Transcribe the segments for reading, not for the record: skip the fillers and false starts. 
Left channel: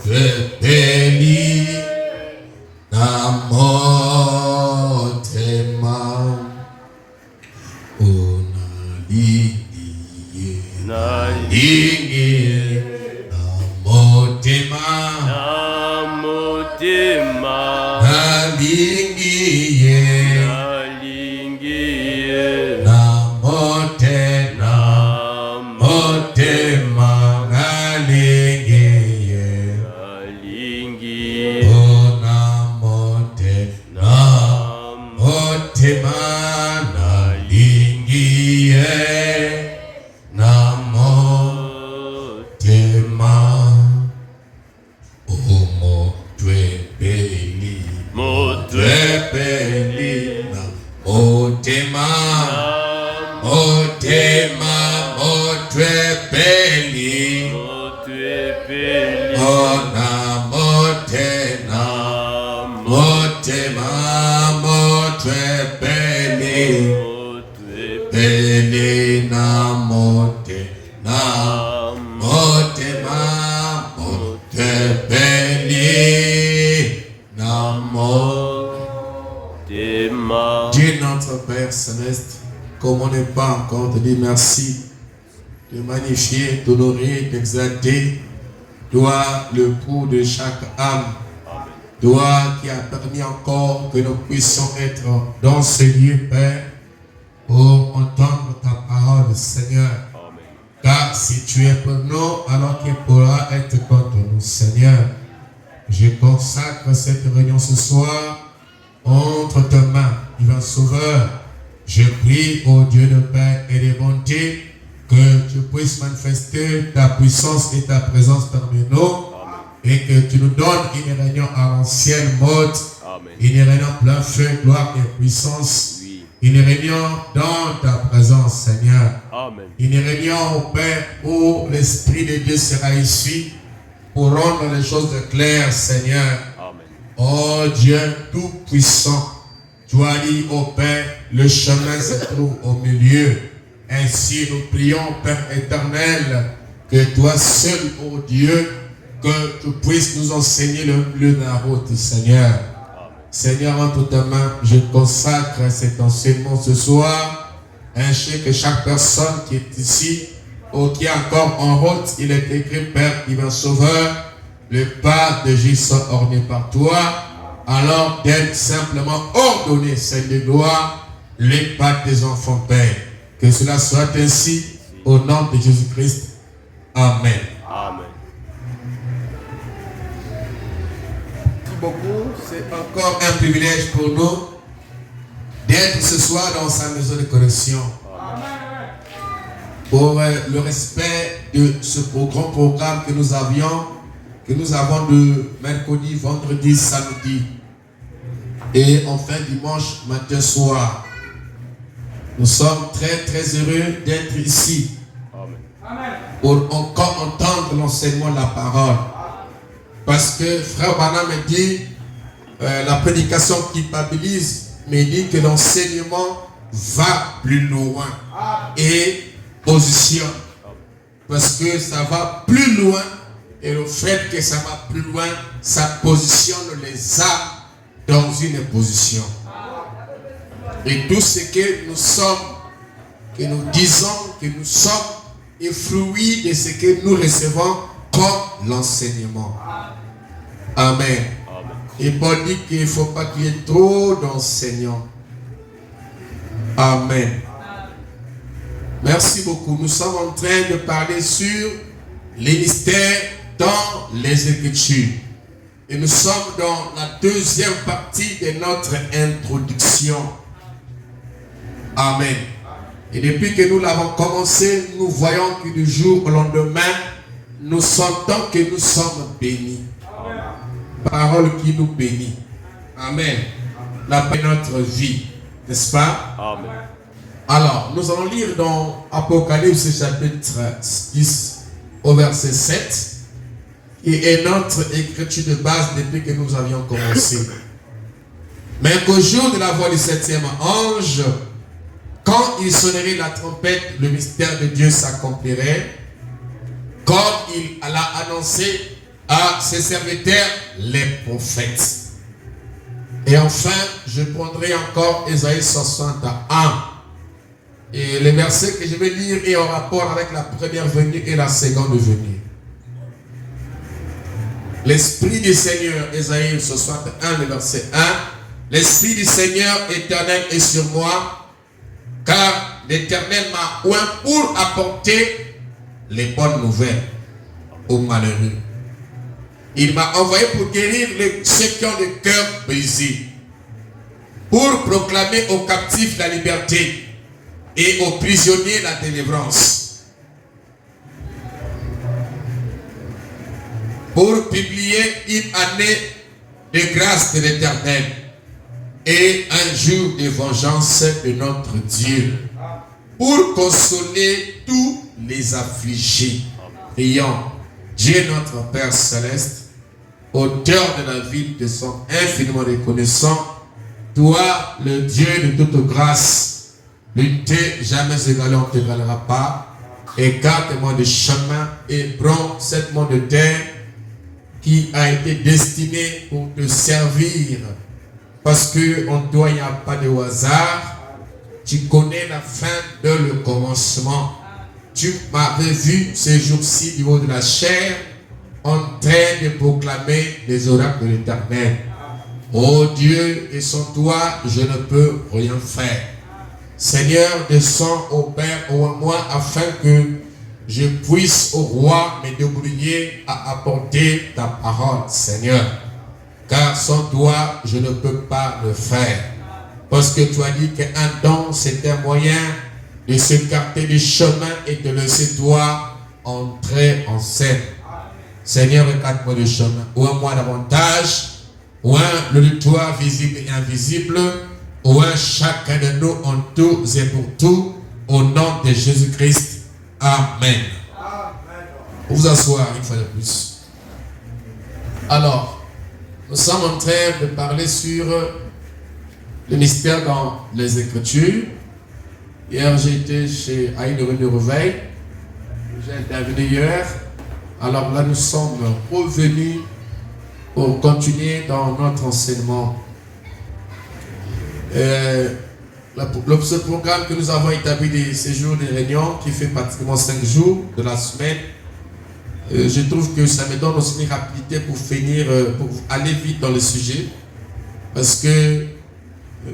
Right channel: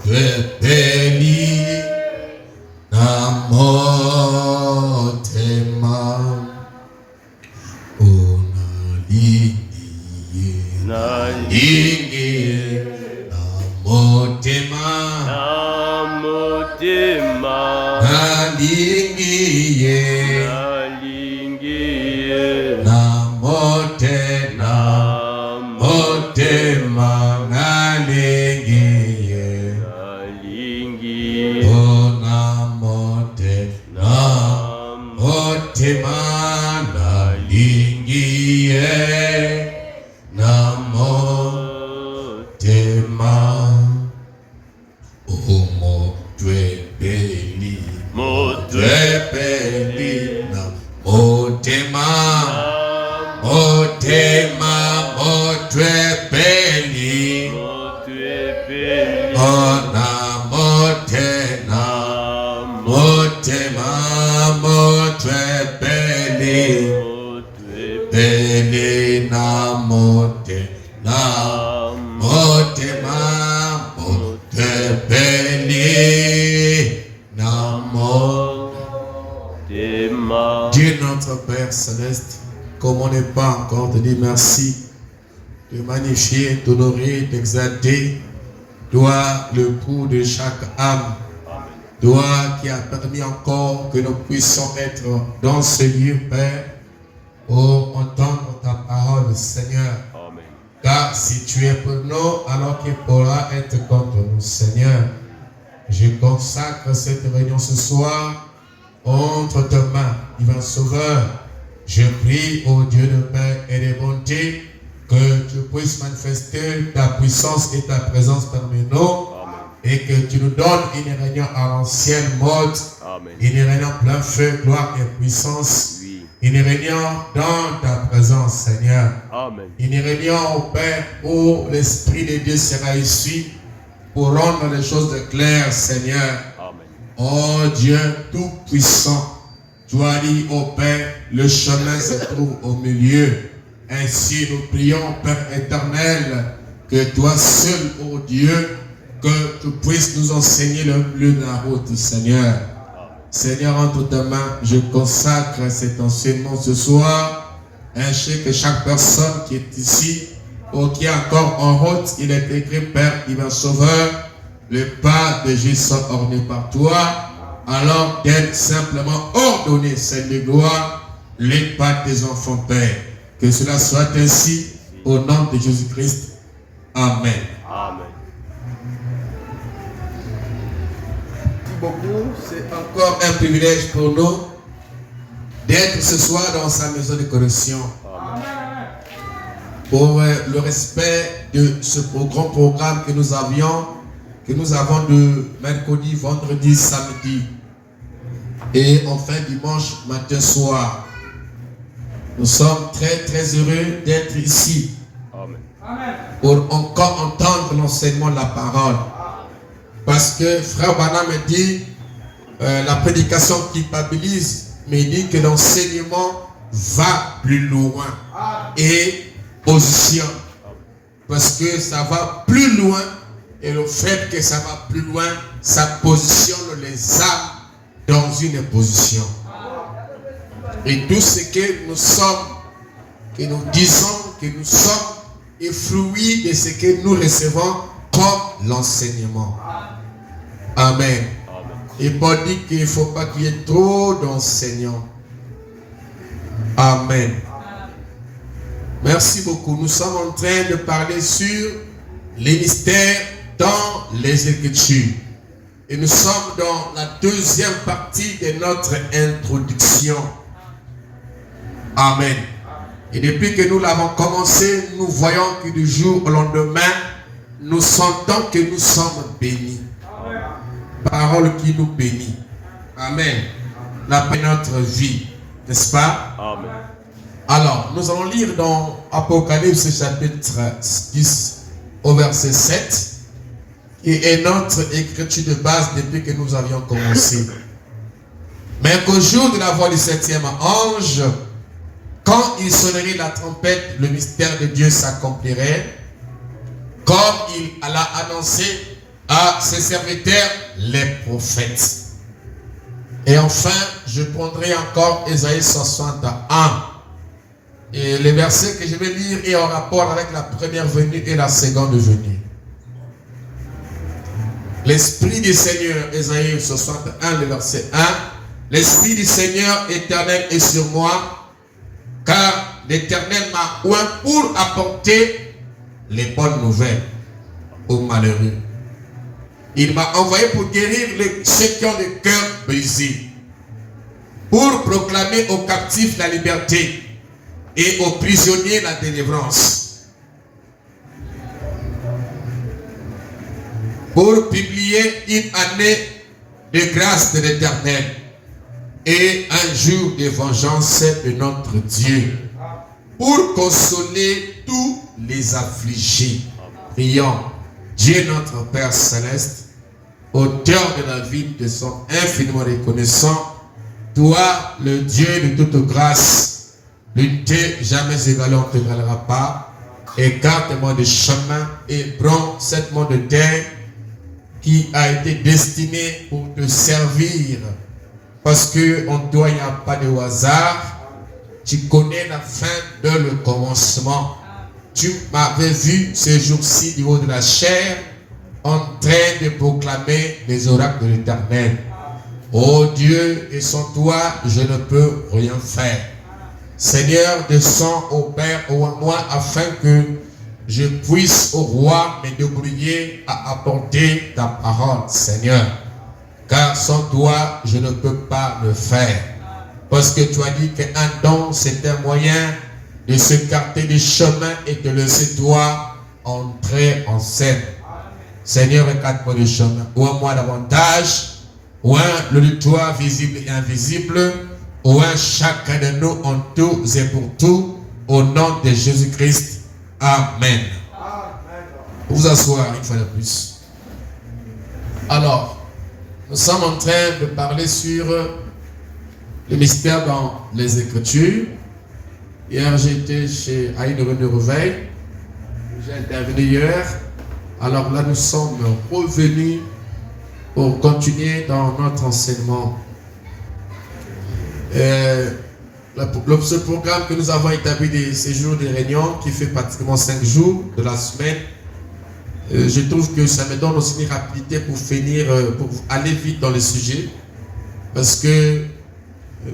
Tu es béni dans motema unalingiye nalingiye na motema nalingiye na motema nalingiye ona motema nalingiye na motema omo twebeli na motema twebeli ona motema twebeli beli na motema twebeli na motema. Dieu notre Père Céleste, comme on n'est pas encore te dire merci, de magnifier, d'honorer, d'exalter, toi le coup de chaque âme, toi qui as permis encore que nous puissions être dans ce lieu, Père, pour entendre ta parole, Seigneur. Amen. Car si tu es pour nous, alors qu'il pourra être contre nous, Seigneur. Je consacre cette réunion ce soir entre tes mains, divin Sauveur. Je prie au Dieu de paix et de bonté que tu puisses manifester ta puissance et ta présence parmi nous. Amen. Et que tu nous donnes une réunion à l'ancienne mode, une réunion plein feu, gloire et puissance. Oui. Une réunion dans ta présence, Seigneur. Amen. Une réunion au Père où l'Esprit de Dieu sera ici pour rendre les choses claires, Seigneur. Amen. Oh Dieu tout-puissant, tu as dit au Père, le chemin se trouve au milieu. Ainsi nous prions, Père éternel, que toi seul, ô Dieu, que tu puisses nous enseigner le milieu de la route, Seigneur. Amen. Seigneur, entre tes mains, je consacre cet enseignement ce soir, ainsi que chaque personne qui est ici, ou qui est encore en route, il est écrit, Père divin Sauveur, le pas de Jésus sont orné par toi, alors d'être simplement ordonné, Seigneur de gloire, les pas des enfants, Père. Que cela soit ainsi, au nom de Jésus-Christ. Amen. Amen. Merci beaucoup. C'est encore un privilège pour nous d'être ce soir dans sa maison de correction. Amen. Pour le respect de ce grand programme que nous avons de mercredi, vendredi, samedi et enfin dimanche matin soir. Nous sommes très très heureux d'être ici. Amen. Pour encore entendre l'enseignement de la parole. Parce que frère Bana me dit, la prédication culpabilise, mais il dit que l'enseignement va plus loin et positionne. Parce que ça va plus loin et le fait que ça va plus loin, ça positionne les âmes dans une position. Et tout ce que nous sommes, que nous disons, que nous sommes, est fruit de ce que nous recevons comme l'enseignement. Amen. Et Paul dit qu'il ne faut pas qu'il y ait trop d'enseignants. Amen. Merci beaucoup. Nous sommes en train de parler sur les mystères dans les Écritures. Et nous sommes dans la deuxième partie de notre introduction. Amen. Et depuis que nous l'avons commencé, nous voyons que du jour au lendemain, nous sentons que nous sommes bénis. Amen. Parole qui nous bénit. Amen. La paix de notre vie. N'est-ce pas? Amen. Alors, nous allons lire dans Apocalypse chapitre 10 au verset 7. Qui est notre écriture de base depuis que nous avions commencé. Mais qu'au jour de la voix du septième ange, quand il sonnerait la trompette, le mystère de Dieu s'accomplirait, comme il l'a annoncé à ses serviteurs, les prophètes. Et enfin, je prendrai encore Ésaïe 61. Et les versets que je vais lire est en rapport avec la première venue et la seconde venue. L'Esprit du Seigneur, Ésaïe 61, le verset 1. L'Esprit du Seigneur éternel est sur moi, car l'Éternel m'a oint pour apporter les bonnes nouvelles aux malheureux. Il m'a envoyé pour guérir ceux qui ont le cœur brisé, pour proclamer aux captifs la liberté et aux prisonniers la délivrance, pour publier une année de grâce de l'Éternel et un jour de vengeance de notre Dieu, pour consoler tous les affligés. Prions. Dieu notre Père Céleste, auteur de la vie, de son infiniment reconnaissant, toi, le Dieu de toute grâce, lutter jamais évalué, on ne t'égalera pas. Écarte-moi du chemin et prends cette monde de terre qui a été destiné pour te servir. Parce qu'en toi, il n'y a pas de hasard. Tu connais la fin de le commencement. Tu m'avais vu ce jour-ci du haut de la chair en train de proclamer les oracles de l'Éternel. Oh Dieu, et sans toi, je ne peux rien faire. Seigneur, descends au Père ou à moi afin que je puisse au roi me débrouiller à apporter ta parole, Seigneur. Car sans toi, je ne peux pas le faire. Parce que tu as dit qu'un don, c'est un moyen de s'écarter du chemin et de laisser toi entrer en scène. Seigneur, écarte-moi le chemin. Ouvre-moi davantage. Ouvre l'auditoire visible et invisible. Ouvre chacun de nous en tout et pour tout. Au nom de Jésus-Christ. Amen. Pour vous asseoir une fois de plus. Alors, nous sommes en train de parler sur le mystère dans les Écritures. Hier, j'ai été chez Aïe de Réveil. J'ai intervenu hier. Alors là, nous sommes revenus pour continuer dans notre enseignement. Ce programme que nous avons établi des séjours de réunion, qui fait pratiquement 5 jours de la semaine, je trouve que ça me donne aussi une rapidité pour finir, pour aller vite dans le sujet. Parce que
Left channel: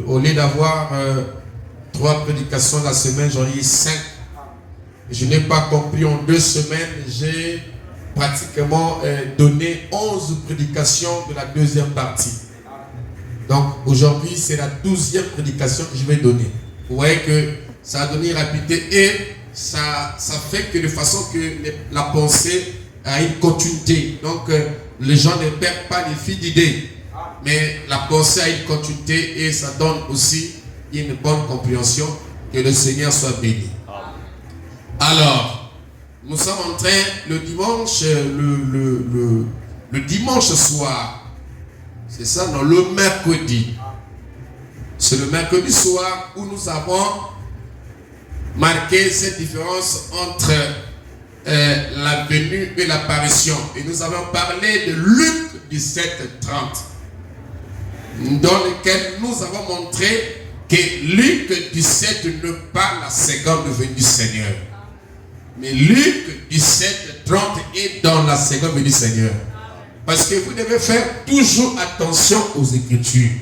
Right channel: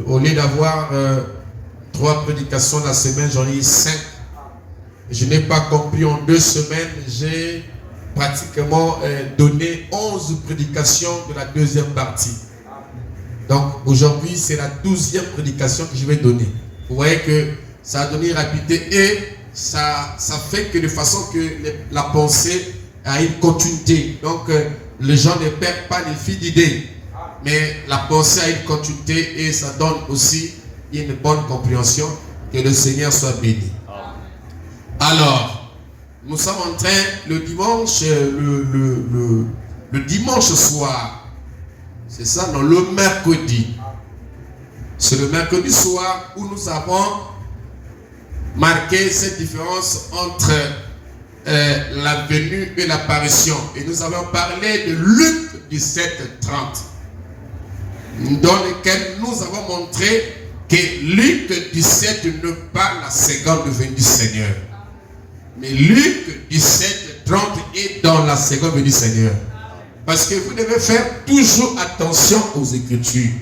au lieu d'avoir 3 prédications la semaine, j'en ai 5. Je n'ai pas compris en 2 semaines, j'ai pratiquement donné 11 prédications de la deuxième partie. Donc aujourd'hui, c'est la 12e prédication que je vais donner. Vous voyez que ça a donné une rapidité et ça fait que de façon que la pensée a une continuité. Donc les gens ne perdent pas les fils d'idées, mais la pensée a une continuité et ça donne aussi une bonne compréhension. Que le Seigneur soit béni. Alors, nous sommes en train, le dimanche, le dimanche soir, c'est ça, non, le mercredi. C'est le mercredi soir où nous avons marqué cette différence entre la venue et l'apparition. Et nous avons parlé de Luc 17:30, dans lequel nous avons montré que Luc 17 n'est pas la seconde venue du Seigneur. Mais Luc 17:30 est dans la seconde venue du Seigneur. Parce que vous devez faire toujours attention aux Écritures.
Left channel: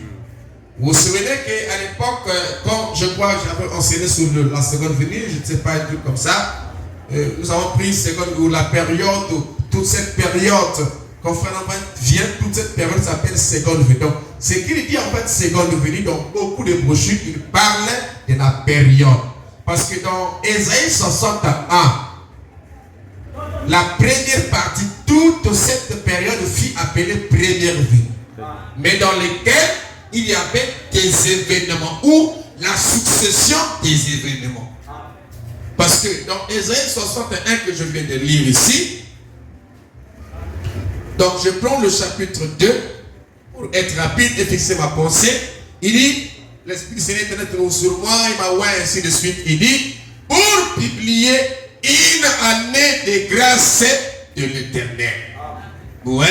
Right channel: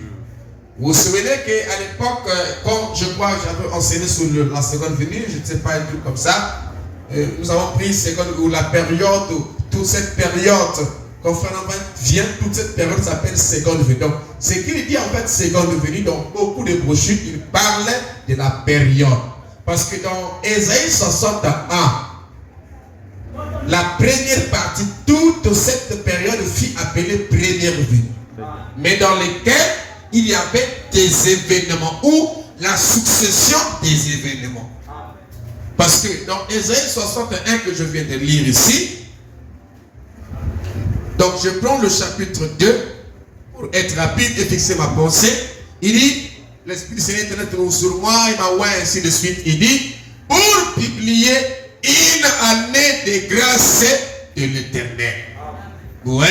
Vous vous souvenez qu'à l'époque, quand je crois que j'avais enseigné sur la seconde venue, je ne sais pas, un truc comme ça, nous avons pris seconde, ou la période, toute cette période, quand Frère vient, toute cette période s'appelle seconde venue. Donc, ce qu'il dit en fait seconde venue, dans beaucoup de brochures, il parle de la période. Parce que dans Ésaïe 61, la première partie, toute cette période fut appelée première venue. Mais dans lesquelles il y avait des événements ou la succession des événements. Parce que dans Ésaïe 61 que je viens de lire ici, donc je prends le chapitre 2 pour être rapide et fixer ma pensée. Il dit, l'Esprit du Seigneur est sur moi, il m'a oint ainsi de suite. Il dit, pour publier une année de grâce de l'Éternel. Oui.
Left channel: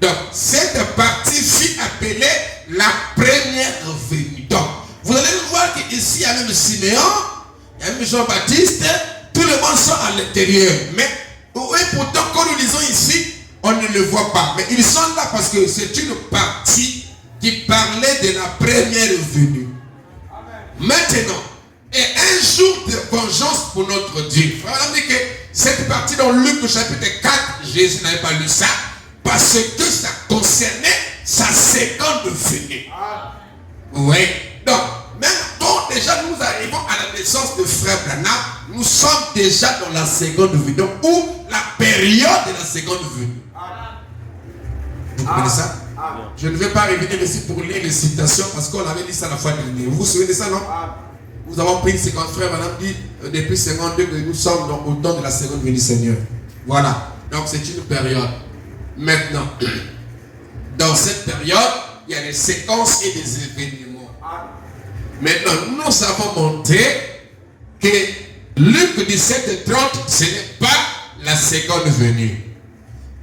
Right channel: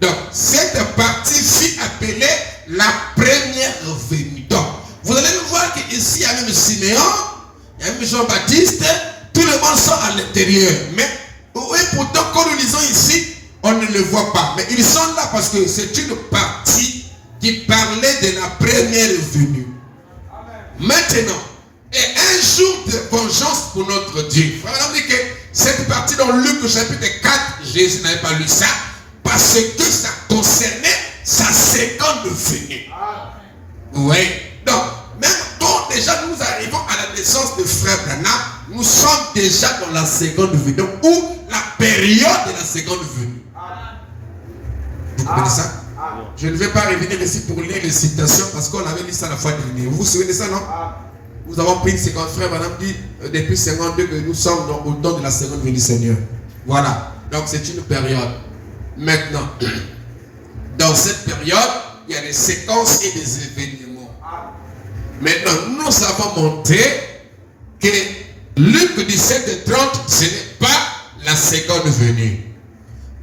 Donc, cette partie fut appelée la première venue. Donc, vous allez voir qu'ici, il y a même Siméon, il y a même Jean-Baptiste, tout le monde sont à l'intérieur. Mais, oui, pourtant, quand nous lisons ici, on ne le voit pas. Mais ils sont là parce que c'est une partie qui parlait de la première venue. Maintenant, et un jour de vengeance pour notre Dieu. On dit que cette partie dans Luc chapitre 4, Jésus n'avait pas lu ça, parce que ça concernait sa seconde venue. Oui. Donc, même quand déjà nous arrivons à la naissance de frère Branham, nous sommes déjà dans la seconde venue. Donc, ou la période de la seconde venue. Vous comprenez ça? Je ne vais pas revenir ici pour lire les citations parce qu'on avait lu ça la fois dernière. Vous vous souvenez de ça, non? Nous avons pris une séquence, frère Branham dit depuis 52 que nous sommes au temps de la seconde venue du Seigneur. Voilà. Donc c'est une période. Maintenant, dans cette période, il y a des séquences et des événements. Maintenant, nous avons montré que Luc 17 et 30, ce n'est pas la seconde venue.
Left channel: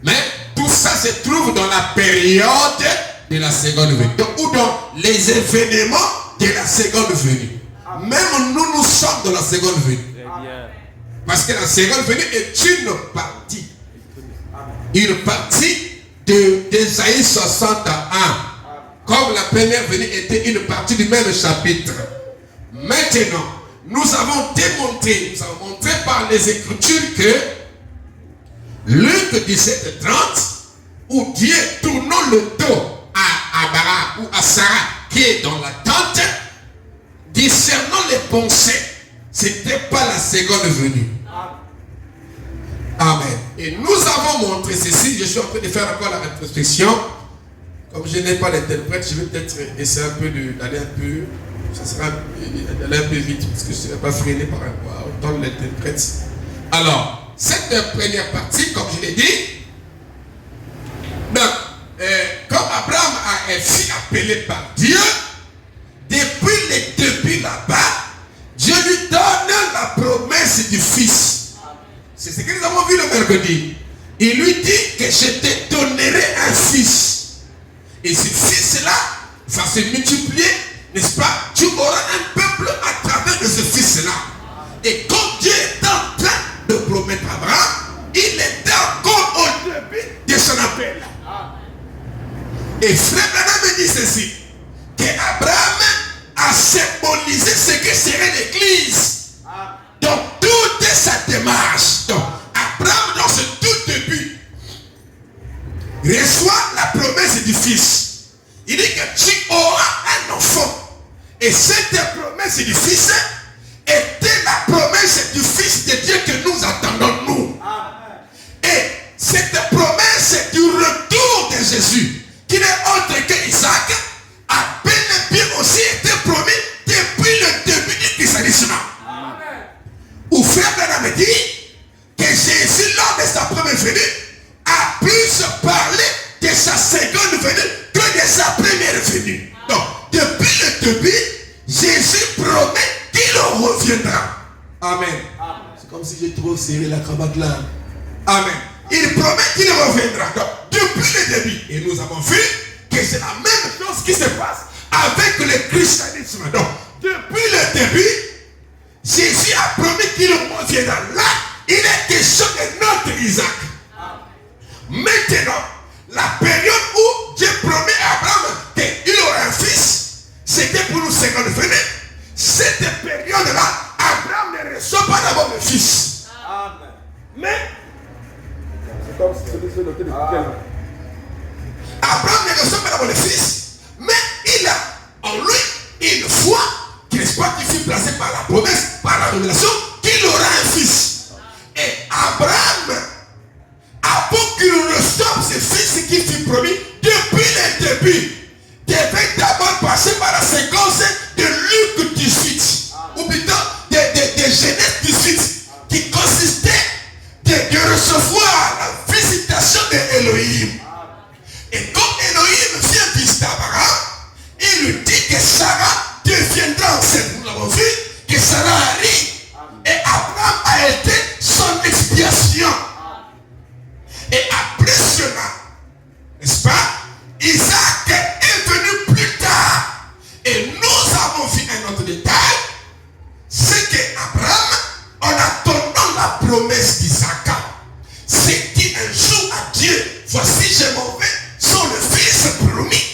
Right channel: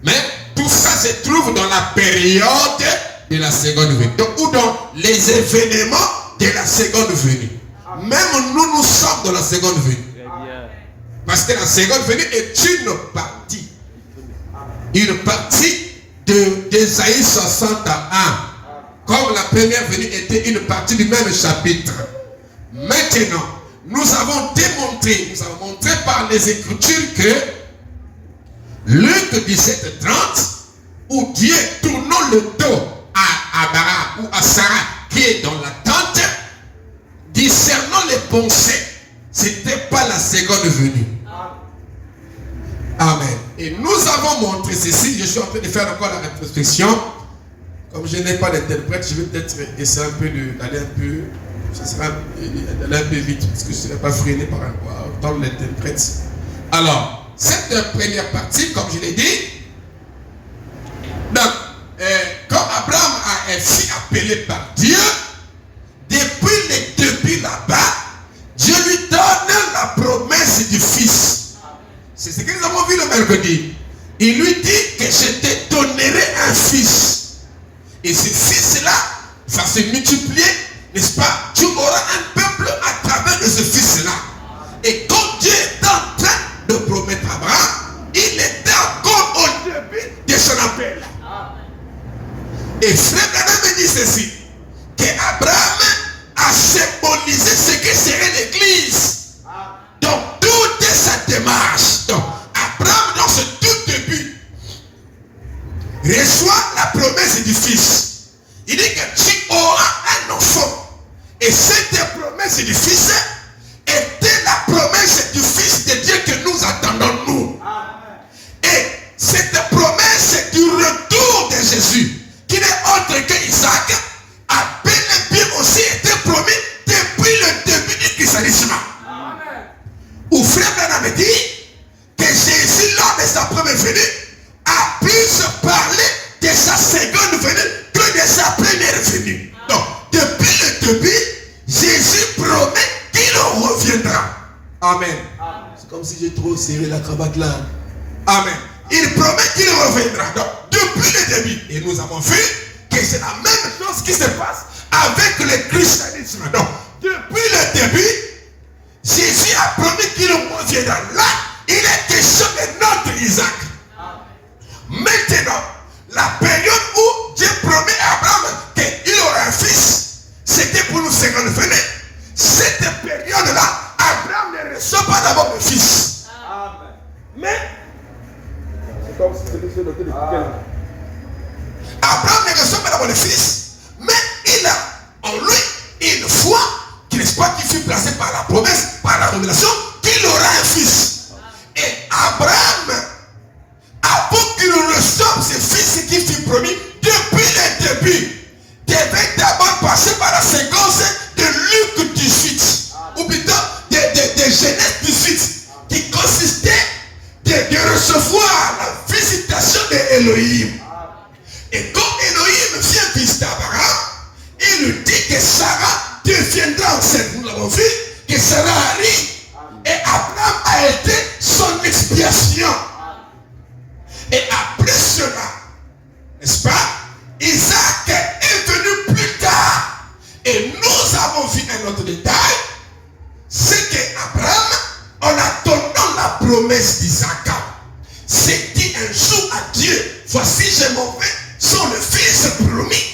Mais tout ça se trouve dans la période de la seconde venue. Donc, ou dans les événements de la seconde venue. Même nous sommes dans la seconde venue. Parce que la seconde venue est une partie. Une partie d'Ésaïe 61. Comme la première venue était une partie du même chapitre. Maintenant, nous avons montré par les Écritures que Luc 17, 30, où Dieu tournant le dos à Abraham ou à Sarah qui est dans la tente, discernant les pensées, ce n'était pas la seconde venue. Amen. Et nous avons montré ceci. Je suis en train de faire encore la rétrospection. Comme je n'ai pas d'interprète, je vais peut-être essayer un peu d'aller un peu. Ça sera d'aller un peu vite parce que je ne serai pas freiné par autant l'interprète. Alors, cette première partie, comme je l'ai dit, donc, quand Abraham a été appelé par Dieu, depuis le début là-bas, Dieu lui donne la promesse du Fils. C'est ce que nous avons vu le mercredi. Il lui dit que je te donnerai un fils. Et ce fils-là va se multiplier, n'est-ce pas? Tu auras un peuple à travers de ce fils-là. Et quand Dieu est en train de promettre à Abraham, il était encore au début de son appel. Et frère Branham me dit ceci, que Abraham a symbolisé ce que serait l'Église. Donc toute sa démarche. Donc Abraham dans ce tout début reçoit la promesse du Fils. Il dit que tu auras un enfant. Et cette promesse du Fils était la promesse du Fils de Dieu que nous attendons nous. Et cette promesse du retour de Jésus, qui n'est autre que Isaac, a bel et bien aussi été promis depuis le début du christianisme. Où frère Branham dit que Jésus, lors de sa première venue, a plus parlé de sa seconde venue que de sa première venue. Donc, depuis le début, Jésus promet qu'il reviendra. Amen. C'est comme si j'ai trop serré la cravate là. Amen. Il promet qu'il reviendra. Donc, depuis le début, et nous avons vu que c'est la même chose qui se passe avec le christianisme. Donc, depuis le début, Jésus a promis qu'il reviendra. Là, il est question de notre Isaac. Maintenant, la période où Dieu promet à Abraham qu'il aura un fils, c'était pour nous 50 venir. Cette période-là, Abraham ne reçoit pas d'abord le fils. Mais, c'est comme si c'était le noté de Abraham ne reçoit pas d'abord le fils, mais il a en lui une foi qui n'est pas qui fut placée par la promesse, par la révélation, qu'il aura un fils. Et Abraham, avant qu'il reçoive ce fils qui fut promis depuis le début, devait d'abord passer par la séquence de Luc 18, ou plutôt de Genèse 18, qui consistait de recevoir la visitation d'Élohim. Et quand Élohim vient visiter Abraham, il lui dit que Sarah deviendra enceinte. Nous l'avons vu, que Sarah arrive. Et Abraham a été son expiation. Et après cela, mauvais sont le fils promis.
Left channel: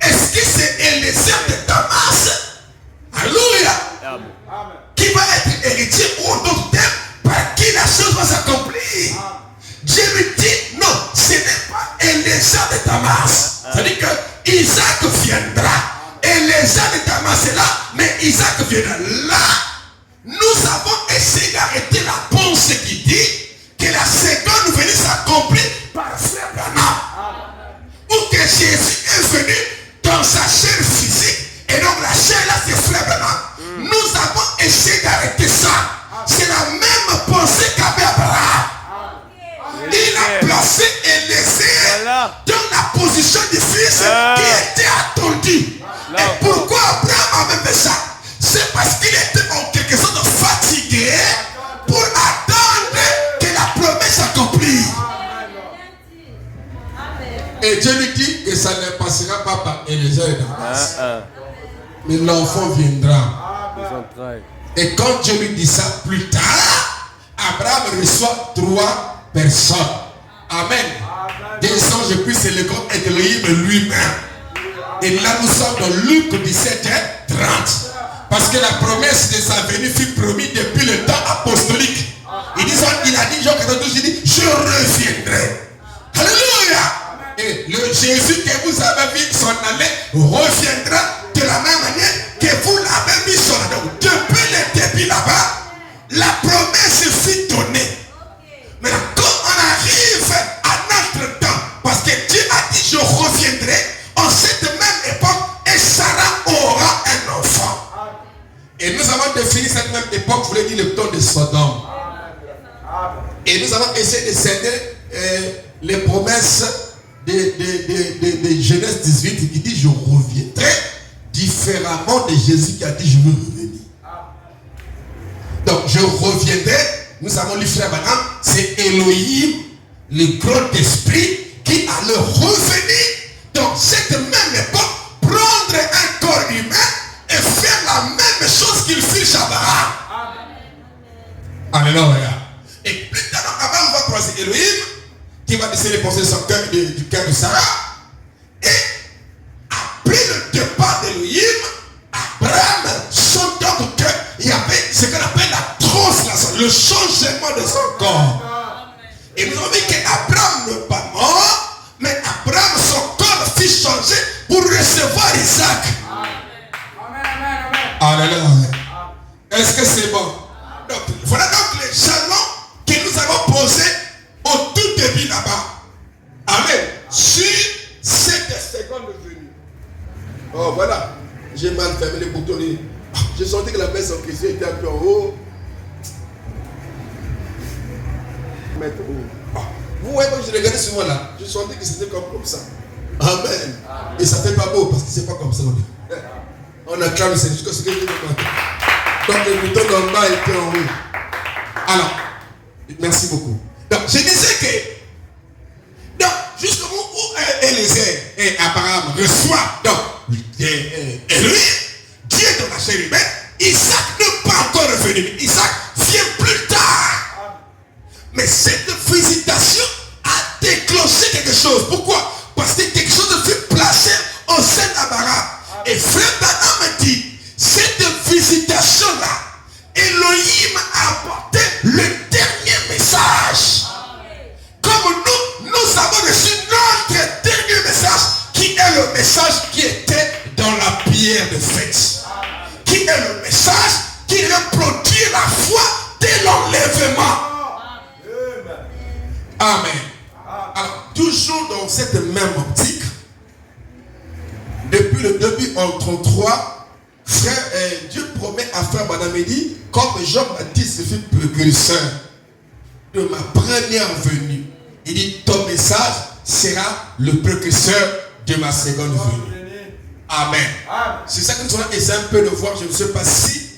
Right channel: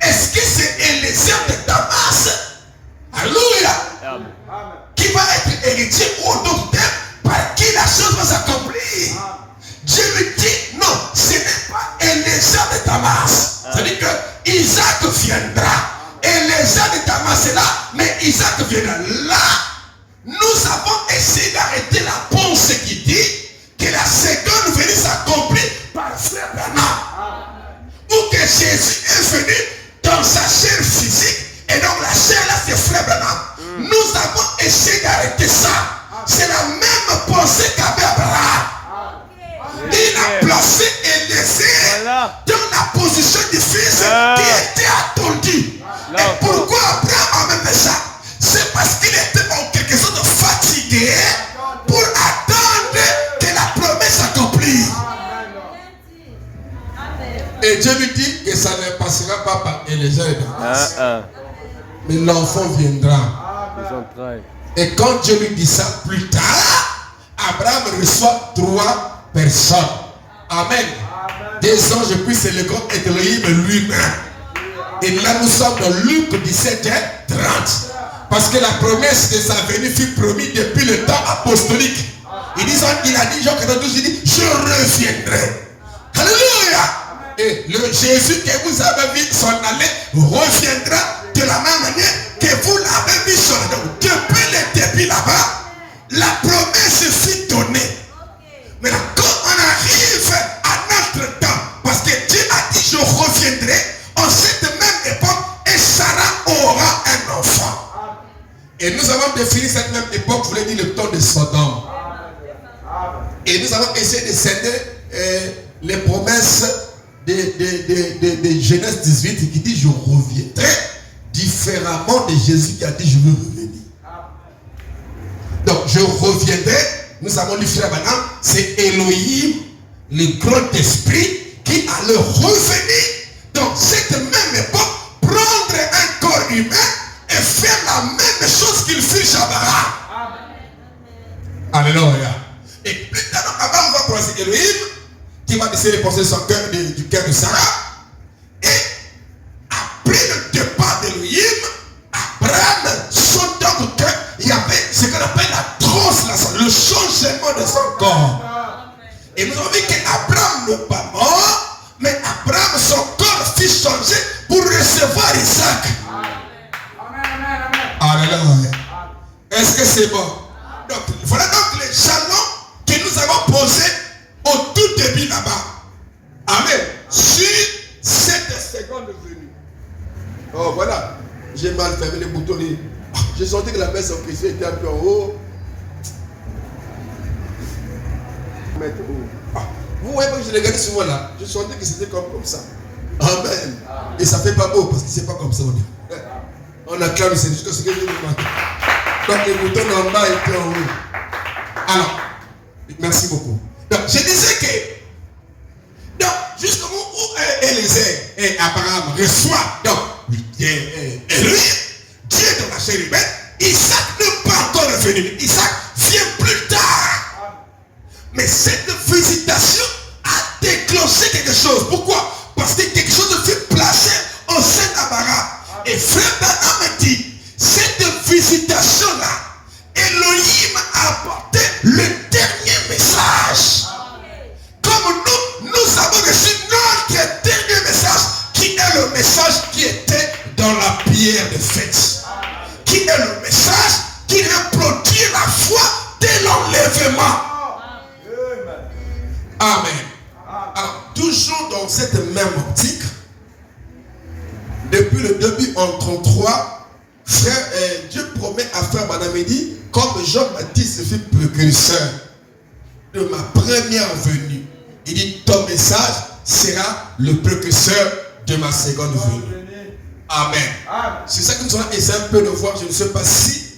Est-ce que c'est Élisée de Damas? Alléluia. Qui va être héritier ou d'autres termes par qui la chose va s'accomplir? Dieu lui dit non, ce n'est pas Élisée de Damas. C'est-à-dire que Isaac viendra. Élisée de Damas est là, mais Isaac viendra. Là, nous avons essayé d'arrêter la pensée qui dit que la seconde venue s'accomplit par frère Branham. Ou que Jésus est venu dans sa chair physique, et donc la chair là c'est frère Branham. Nous avons essayé d'arrêter ça. C'est la même pensée qu'avait Abraham. Il a placé Élisée dans la position du fils qui était attendu. Et pourquoi Abraham a même fait ça? C'est parce qu'il était en quelque sorte fatigué pour attendre que la promesse s'accomplisse. Et Dieu lui dit que ça ne passera pas par Élisée et Damas. Mais l'enfant viendra. Et quand Dieu lui dit ça plus tard, Abraham reçoit 3 personnes. Amen. Des anges puis c'est le grand Elohim lui-même. Et là nous sommes dans Luc 17:30. Parce que la promesse de sa venue fut promise depuis le temps apostolique. Il a dit Jean 14, il dit je reviendrai. Alléluia. Et le Jésus que vous avez vu s'en aller reviendra de la même manière que vous l'avez vu s'en aller. Depuis le début là-bas, la promesse fut donnée. Maintenant, quand on arrive à notre temps, parce que Dieu a dit je reviendrai, en cette même époque, et Sarah aura un enfant. Et nous avons défini cette même époque, je voulais dire le temps de Sodome. Et nous avons essayé de céder les promesses de Genèse 18 qui dit je reviendrai, différemment de Jésus qui a dit je veux revenir. Donc je reviendrai, nous avons lu frère Branham, c'est Elohim, le grand esprit qui allait revenir dans cette même époque, prendre un corps humain et faire la même chose qu'il fit chez Abraham. Alléluia. Et plus tard, avant, on va croiser Elohim qui va décider de penser son cœur du cœur de Sarah. Et après le départ d'Elohim, Abraham sent donc qu'il y avait ce qu'on appelle la translation, le changement de son corps. Et nous avons dit qu'Abraham n'est pas mort, mais Abraham, son corps fut changé pour recevoir Isaac. Alléluia. Est-ce que c'est bon? Donc, voilà donc les jalons que nous avons posés au tout début là-bas. Amen. Sur cette seconde venue. Oh voilà. J'ai mal fermé les boutons. J'ai senti que la baisse en question était un peu en haut. Vous voyez quand je regardais ce moment-là, je sentais que c'était comme ça. Amen. Et ça fait pas beau parce que c'est pas comme ça. On acclame, c'est jusqu'à ce que je me mette. Donc le bouton en bas était en haut. Alors, merci beaucoup. Donc, je disais que, donc, jusqu'au moment où Élisée et Abraham reçoivent, donc, Elohim, Dieu dans la chair humaine, Isaac n'est pas encore revenu. Isaac vient plus tard. Mais cette visitation a déclenché quelque chose. Pourquoi? Parce que quelque chose fut placé au sein d'Abraham. Et frère Branham dit, cette visitation-là, Elohim a apporté le dernier message. Comme nous avons reçu notre dernier message, qui est le message qui était dans la pierre de fête. Qui est le message qui reproduit la foi dès l'enlèvement. Amen. Alors, toujours dans cette même optique, depuis le début en 33, frère, Dieu promet à frère Branham, il dit, comme Jean-Baptiste fut précurseur de ma première venue, il dit, ton message sera le précurseur de ma seconde venue. Amen. C'est ça que nous allons essayer un peu de voir. Je ne sais pas si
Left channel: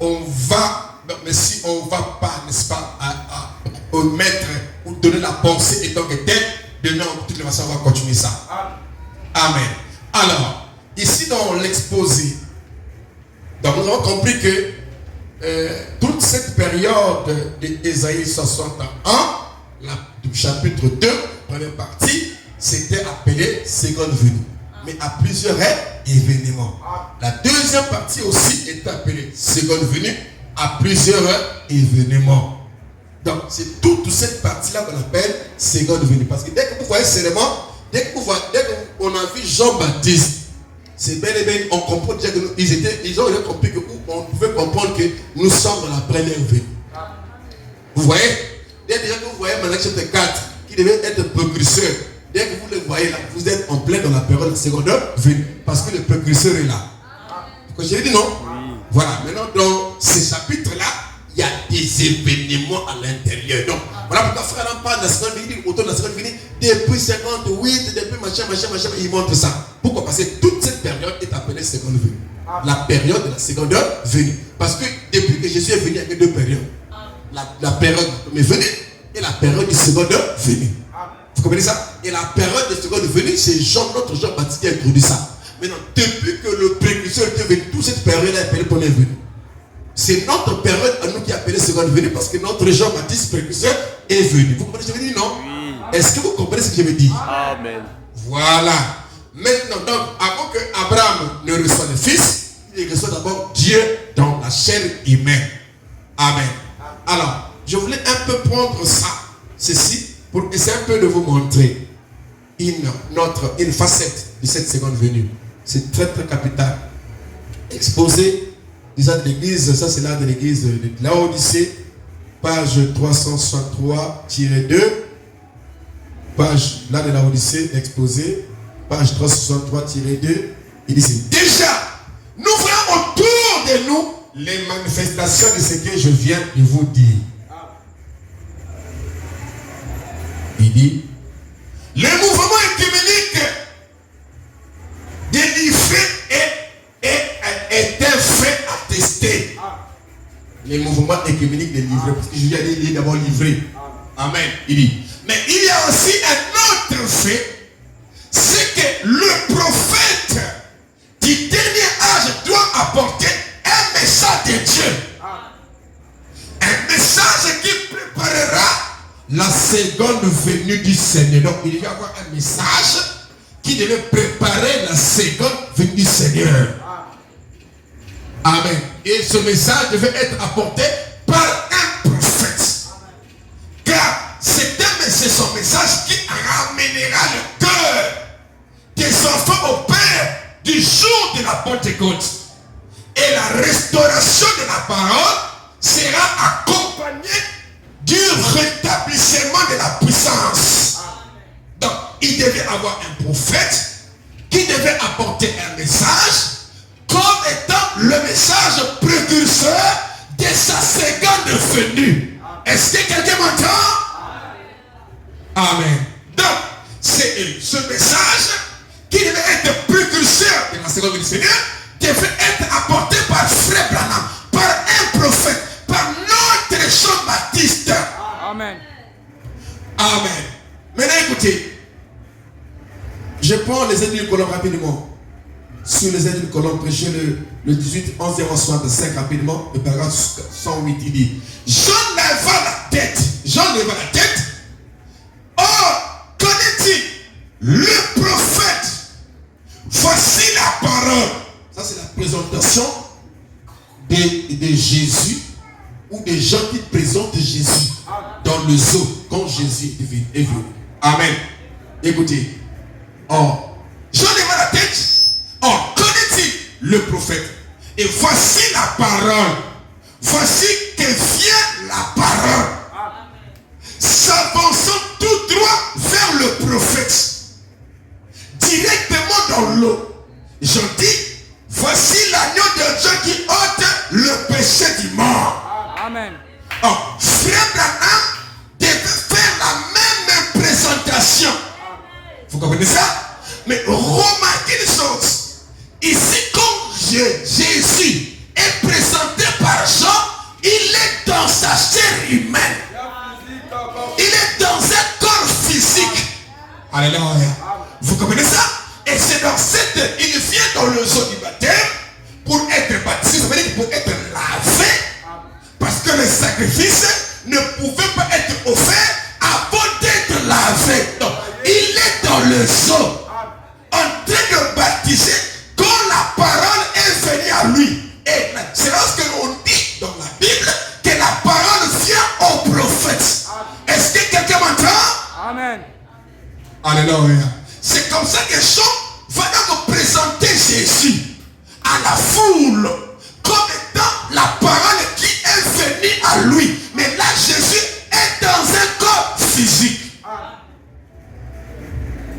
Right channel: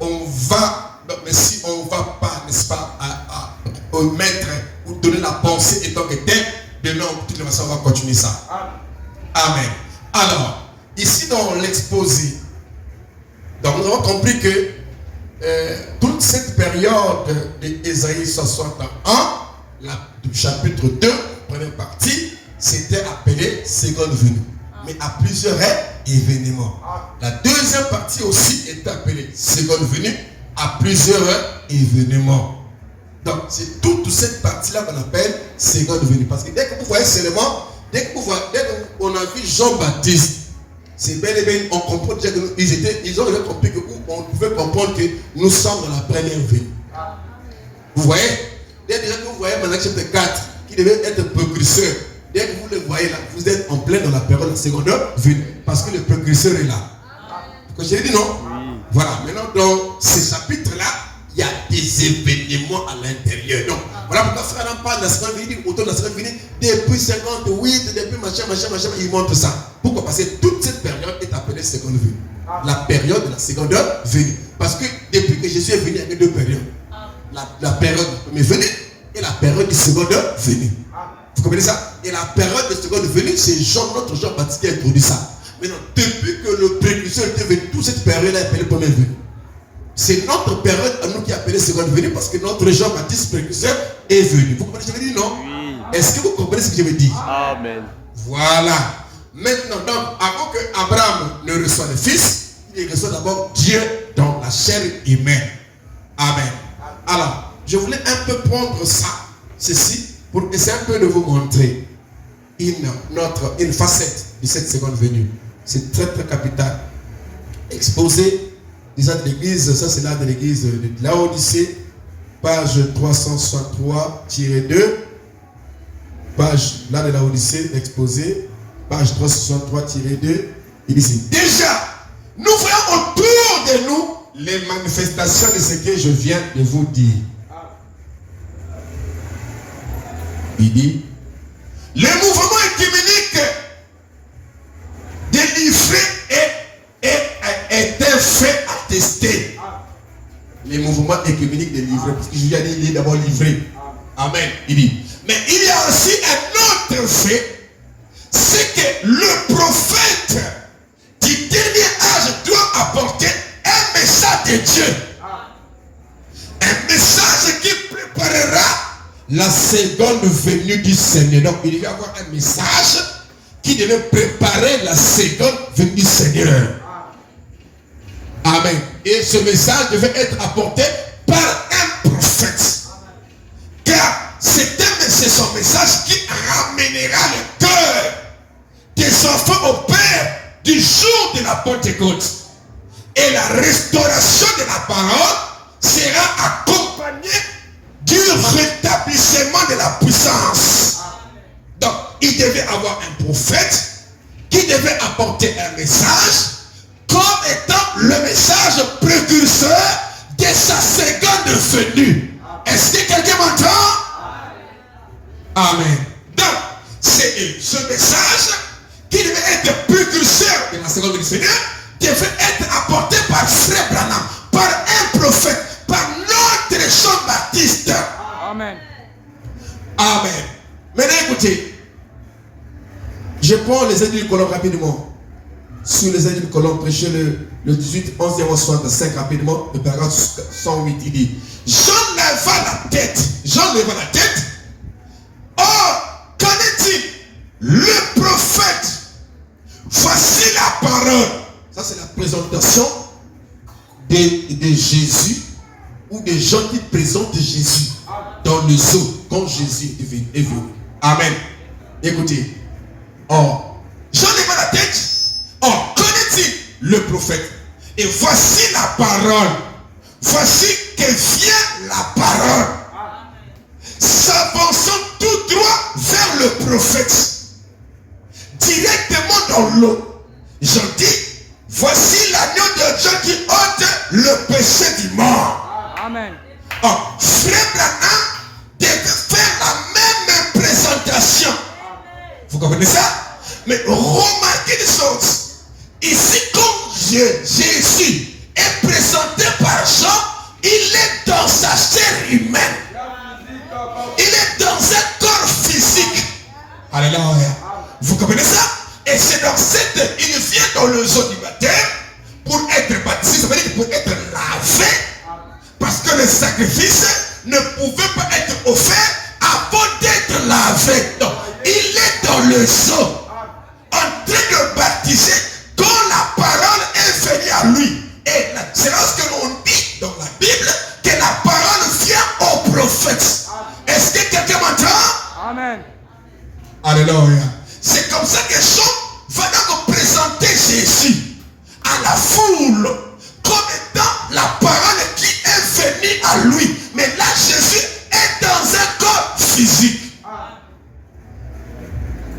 on va, mais si on ne va pas, n'est-ce pas, omettre ou donner la pensée étant que tel, demain, de toute façon, on va continuer ça. Amen. Alors, ici dans l'exposé, donc nous avons compris que toute cette période d'Ésaïe 61, du chapitre 2, 1 première partie, c'était appelé seconde venue. Mais à plusieurs événements. La deuxième partie aussi est appelée seconde venue à plusieurs événements. Donc c'est toute cette partie-là qu'on appelle seconde venue. Parce que dès que vous voyez seulement, dès qu'on a vu Jean-Baptiste, c'est bel et bien, on comprend déjà qu'ils ont compris qu'on pouvait comprendre que nous sommes dans la première venue. Vous voyez? Dès que vous voyez Malachie chapitre 4, qui devait être précurseur, dès que vous le voyez là, vous êtes en plein dans la période de la seconde venue. Parce que le précurseur est là. Vous avez dit non? Oui. Voilà, maintenant dans ces chapitres-là, il y a des événements à l'intérieur. Donc, voilà pourquoi frère Adam parle de la seconde venue, autour de la seconde venue, depuis 58, depuis machin, il montre ça. Pourquoi? Parce que toute cette période est appelée seconde venue. La période de la seconde venue. Parce que depuis que Jésus est venu, il y avait deux périodes. La période de la première venue et la période de seconde venue. Vous comprenez ça? Et la période de seconde venue, c'est notre Jean-Baptiste qui a introduit ça. Maintenant, depuis que le précurseur était venu, toute cette période est appelée première venue. C'est notre période à nous qui est appelée seconde venue parce que notre Jean-Baptiste précurseur est venu. Vous comprenez ce que je veux dire, non? Oui. Est-ce que vous comprenez ce que je veux dire? Amen. Voilà. Maintenant, donc, avant que Abraham ne reçoive le Fils, il reçoit d'abord Dieu dans la chair humaine. Amen. Alors, je voulais un peu prendre ceci, pour essayer un peu de vous montrer une facette de cette seconde venue. C'est très très capital. Exposé, déjà de l'église, ça c'est là de l'église de Laodicée, page 363-2. Page là de Laodicée, exposé, page 363-2. Il dit déjà, nous voyons autour de nous les manifestations de ce que je viens de vous dire. Il dit, le mouvement écuménique délivré est un fait attesté. Les mouvements écuméniques délivrés, parce que je viens de dire d'abord livré. Amen. Il dit, mais il y a aussi un autre fait, c'est que le prophète du dernier âge doit apporter un message de Dieu. Un message qui préparera la seconde venue du Seigneur. Donc il devait avoir un message qui devait préparer la seconde venue du Seigneur. Amen. Et ce message devait être apporté par un prophète. Car c'est son message qui ramènera le cœur des enfants au Père du jour de la Pentecôte. Et la restauration de la parole sera accompagnée du rétablissement de la puissance. Donc, il devait avoir un prophète qui devait apporter un message comme étant le message précurseur de sa seconde venue. Est-ce que quelqu'un m'entend? Amen. Donc, c'est ce message qui devait être précurseur de la seconde venue du Seigneur devait être apporté par Frère Branham, par un prophète, par notre Jean-Baptiste. Amen. Amen. Maintenant écoutez, je prends les aides du colonne rapidement. Sous les aides du colonne, prêchez le 18, 11 65 rapidement, le paragraphe 108, il dit, Jean leva la tête. Or, connaît-il le prophète? Voici la parole. Ça c'est la présentation de Jésus ou des gens qui présentent Jésus dans le zoo quand Jésus est venu. Amen. Écoutez. Or, Jean leva la tête. Or, connaît-il le prophète? Et voici la parole. Voici que vient la parole. S'avançant tout droit vers le prophète. Directement dans l'eau. Jean dit, voici l'agneau de Dieu qui ôte le péché du mort. Amen. Or, Frère Branham devait faire la même présentation. Vous comprenez ça? Mais remarquez les choses. Ici, quand Jésus est présenté par Jean, il est dans sa chair humaine. Il est dans un corps physique. Alléluia. Vous comprenez ça? Et c'est dans cette... Il vient dans le zoo du baptême pour être baptisé, ça veut dire pour être lavé. Parce que le sacrifice ne pouvait pas être offert avant d'être lavé. Donc, les eaux, en train de baptiser, quand la parole est venue à lui. Et c'est lorsque l'on dit dans la Bible que la parole vient au prophète. Est-ce que quelqu'un m'entend? Amen. Alléluia. C'est comme ça que Jean va donc présenter Jésus à la foule comme étant la parole qui est venue à lui. Mais là, Jésus est dans un corps physique.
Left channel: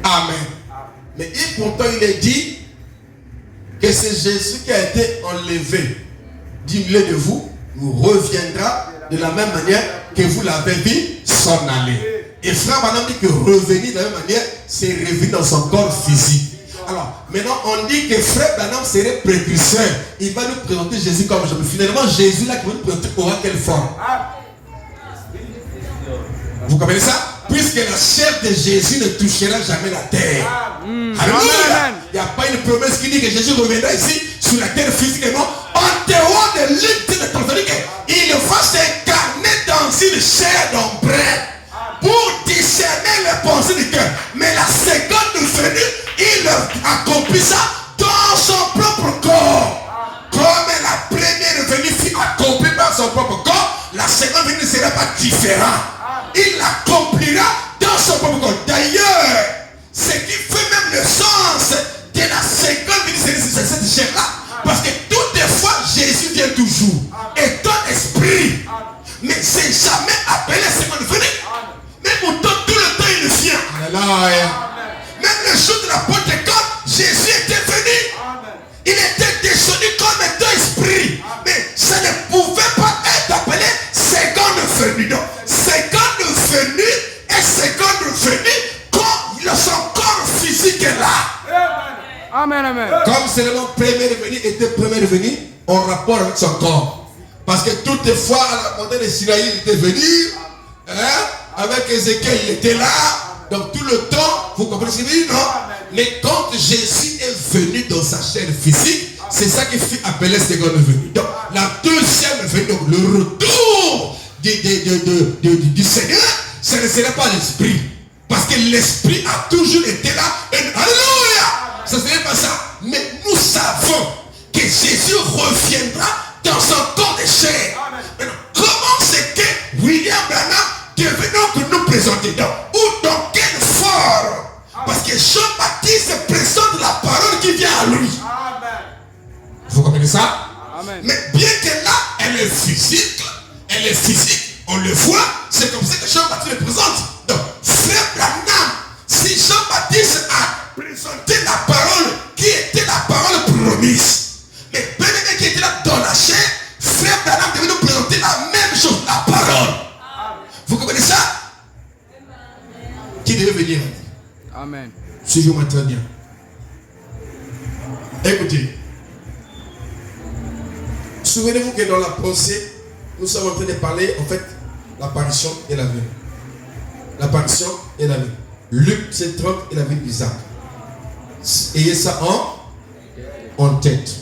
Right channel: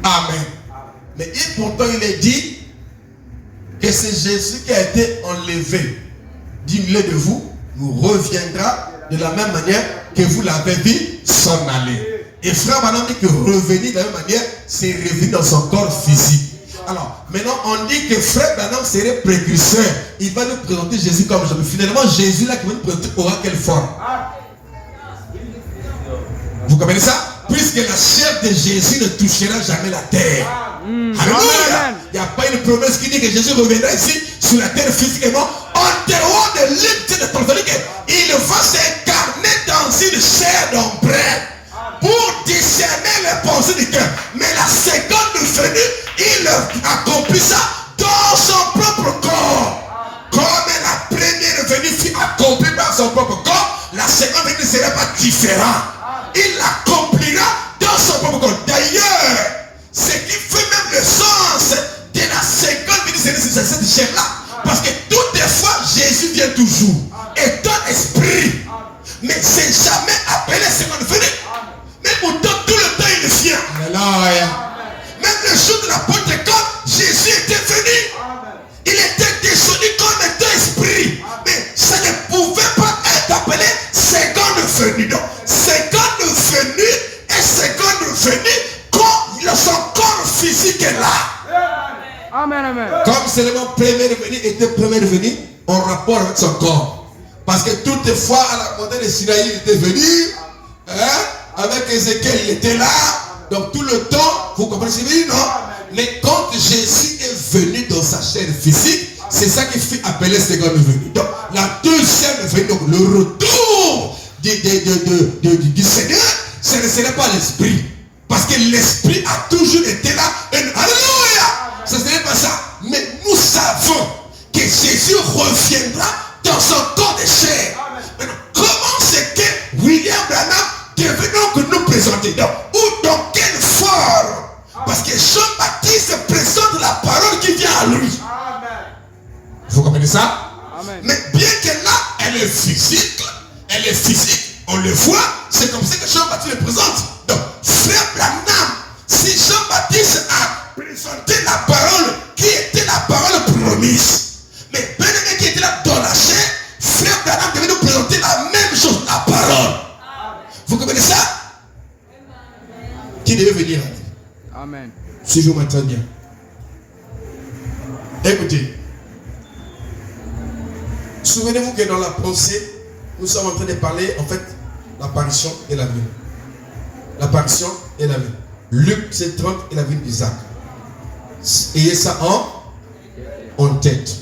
Amen. Mais pourtant, il est dit que c'est Jésus qui a été enlevé du milieu de vous, vous reviendra de la même manière que vous l'avez vu s'en aller. Et frère Branham dit que revenir de la même manière, c'est revenir dans son corps physique. Alors, maintenant, on dit que frère Branham serait précurseur. Il va nous présenter Jésus comme jamais. Finalement, Jésus là qui va nous présenter aura quelle forme? Vous comprenez ça? Puisque la chair de Jésus ne touchera jamais la terre. Alléluia. Il n'y a pas une promesse qui dit que Jésus reviendra ici sur la terre physiquement. En dehors de l'île de ton il va s'incarner dans une chair d'ombrelle pour discerner les pensées du cœur. Mais la seconde venue, il accomplit ça dans son propre corps. Comme la première venue fut accomplie par son propre corps, la seconde venue ne sera pas différente. Il l'accomplira dans son propre corps. D'ailleurs, ce qui fait même le sens de la seconde venue, c'est cette chair-là. Parce que toutefois, Jésus vient toujours. Et ton esprit. Mais c'est jamais appelé seconde venue. Mais pourtant, tout le temps, il vient. Alléluia. Même le jour de la Pentecôte, Jésus était venu. Il était descendu comme un esprit. Mais ça ne pouvait pas être appelé seconde venue. Donc, seconde venue et seconde venue quand son corps physique est là. Amen, amen. Comme seulement première venue était première venue en rapport avec son corps. Parce que toutefois, à la montagne de Sinaï, il était venu. Avec Ézéchiel, il était là. Donc tout le temps, vous comprenez ce que je veux dire, non? Mais quand Jésus est venu dans sa chair physique, c'est ça qui fut appelé seconde venue. Donc la deuxième venue, donc le retour du Seigneur, ce ne serait pas l'esprit. Parce que l'esprit a toujours été là. Alléluia! Ce n'est pas ça. Mais nous savons que Jésus reviendra dans son corps de chair. Maintenant, comment c'est que William Branham devait donc nous présenter? Ou dans quelle forme? Parce que Jean-Baptiste présente la parole qui vient à lui. Vous comprenez ça? Amen. Mais bien que là, elle est physique, on le voit, c'est comme ça que Jean-Baptiste le présente. Donc, frère Branham, si Jean-Baptiste a présenté la parole qui était la parole promise, mais bien qui était là dans la chair, frère Branham devait nous présenter la même chose, la parole. Vous comprenez ça? Qui devait venir? Amen. Suivez-moi très bien. Écoutez. Souvenez-vous que dans la pensée, nous sommes en train de parler, en fait, l'apparition et la venue. L'apparition et la venue. Luc 7:30 et la venue d'Isaac. Ayez ça en tête.